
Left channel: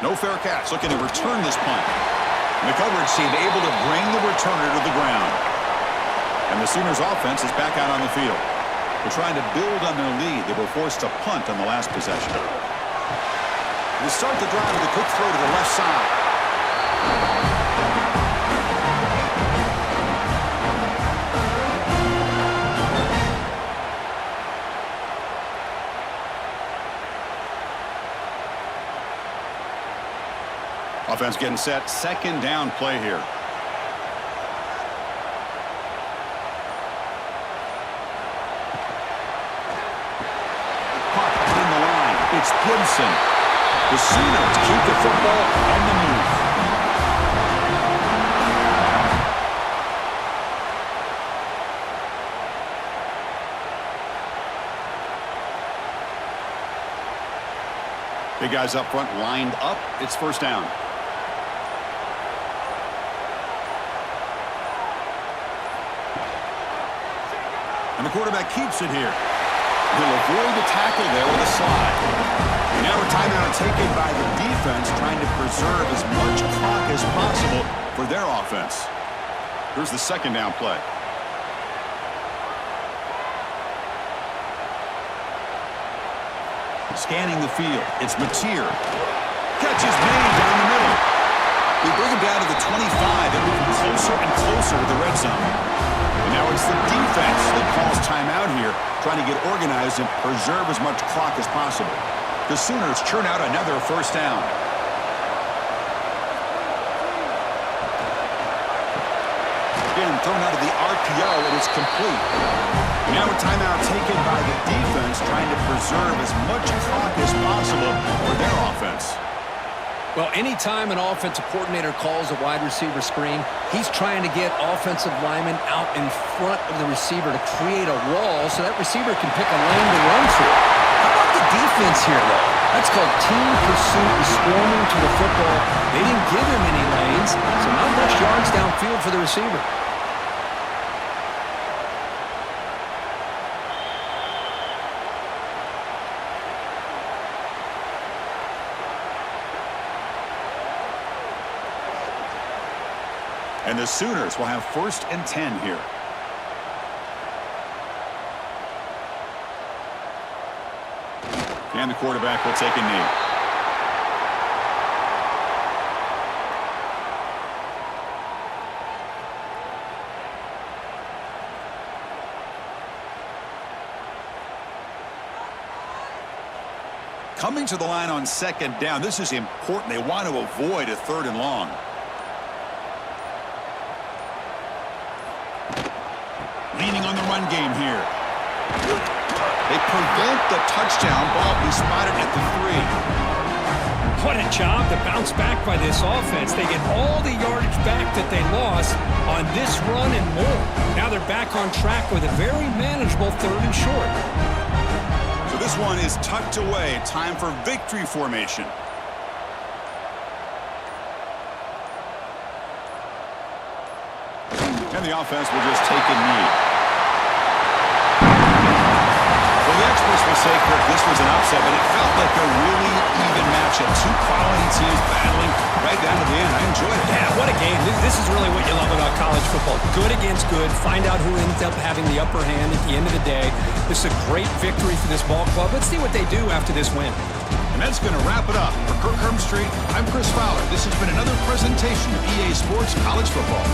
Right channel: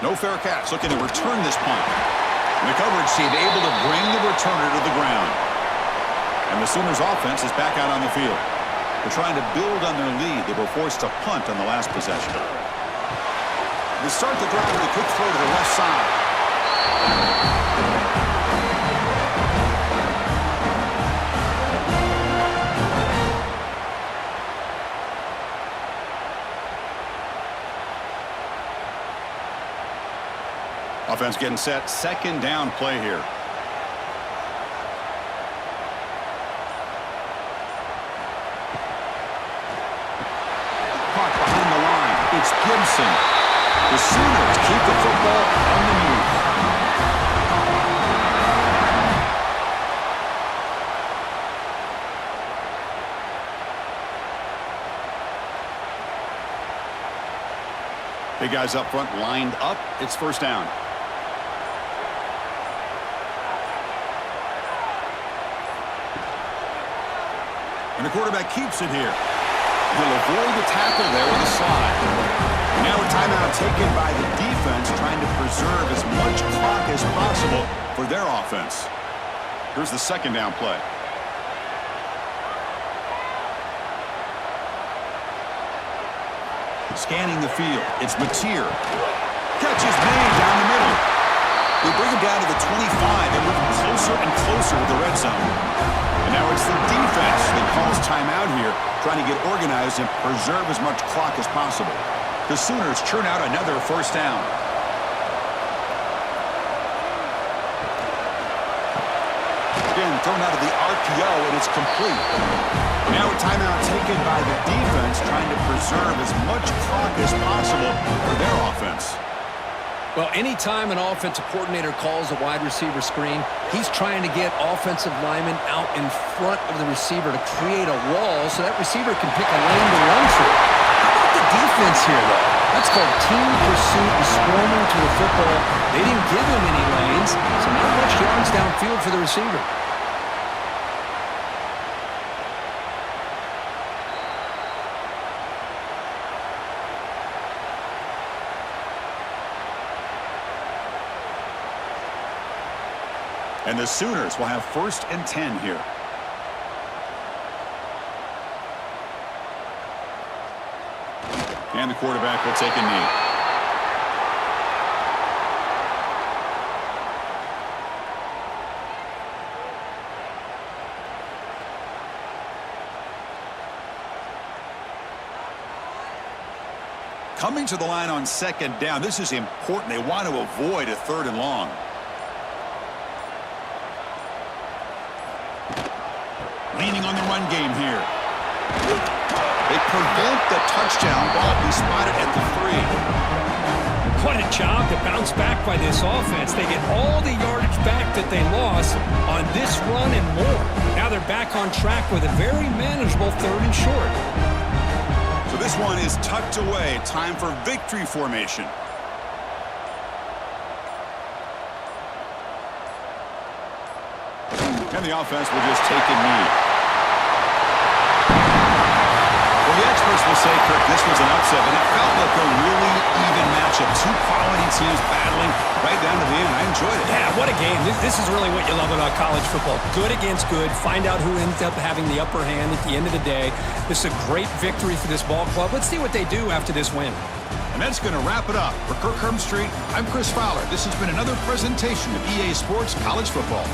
No fair catch. Looking to return this punt. And the coverage team able to bring the returner to the ground. And the Sooners offense is back out on the field. They're trying to build on their lead. They were forced to punt on the last possession. They start the drive with a quick throw to the left side. Offense getting set. 2nd down play here. Caught behind the line. It's Gibson. The Sooners keep the football on the move. Big guys up front lined up. It's 1st down. And the quarterback keeps it here. He'll avoid the tackle there with a slide. And now a timeout taken by the defense, trying to preserve as much clock as possible for their offense. Here's the 2nd down play. Scanning the field. It's Mateer. Catch is made down the middle. We bring him down to the 25. They're moving closer and closer to the red zone. And now it's the defense that calls timeout here, trying to get organized and preserve as much clock as possible. The Sooners churn out another 1st down. Again, thrown out of the RPO, and it's complete. And now a timeout taken by the defense, trying to preserve as much clock as possible for their offense. Well, anytime an offensive coordinator calls a wide receiver screen, he's trying to get offensive linemen out in front of the receiver to create a wall so that receiver can pick a lane to run through. How about the defense here, though? That's called team pursuit and swarming to the football. They didn't give him any lanes, so not much yards downfield for the receiver. And the Sooners will have 1st and 10 here. And the quarterback will take a knee. Coming to the line on 2nd down. This is important. They want to avoid a 3rd and long. Leaning on the run game here. They prevent the touchdown ball. Be spotted at the 3. What a job to bounce back by this offense. They get all the yardage back that they lost on this run and more. Now they're back on track with a very manageable 3rd and short. So this one is tucked away. Time for victory formation. And the offense will just take a knee. Well, the experts will say, Kirk, this was an upset, but it felt like a really even matchup. 2 quality teams battling right down to the end. I enjoyed it. Yeah, what a game. This is really what you love about college football. Good against good. Find out who ends up having the upper hand at the end of the day. This is a great victory for this ball club. Let's see what they do after this win. And that's going to wrap it up. For Kirk Street, I'm Chris Fowler. This has been another presentation of EA Sports College Football.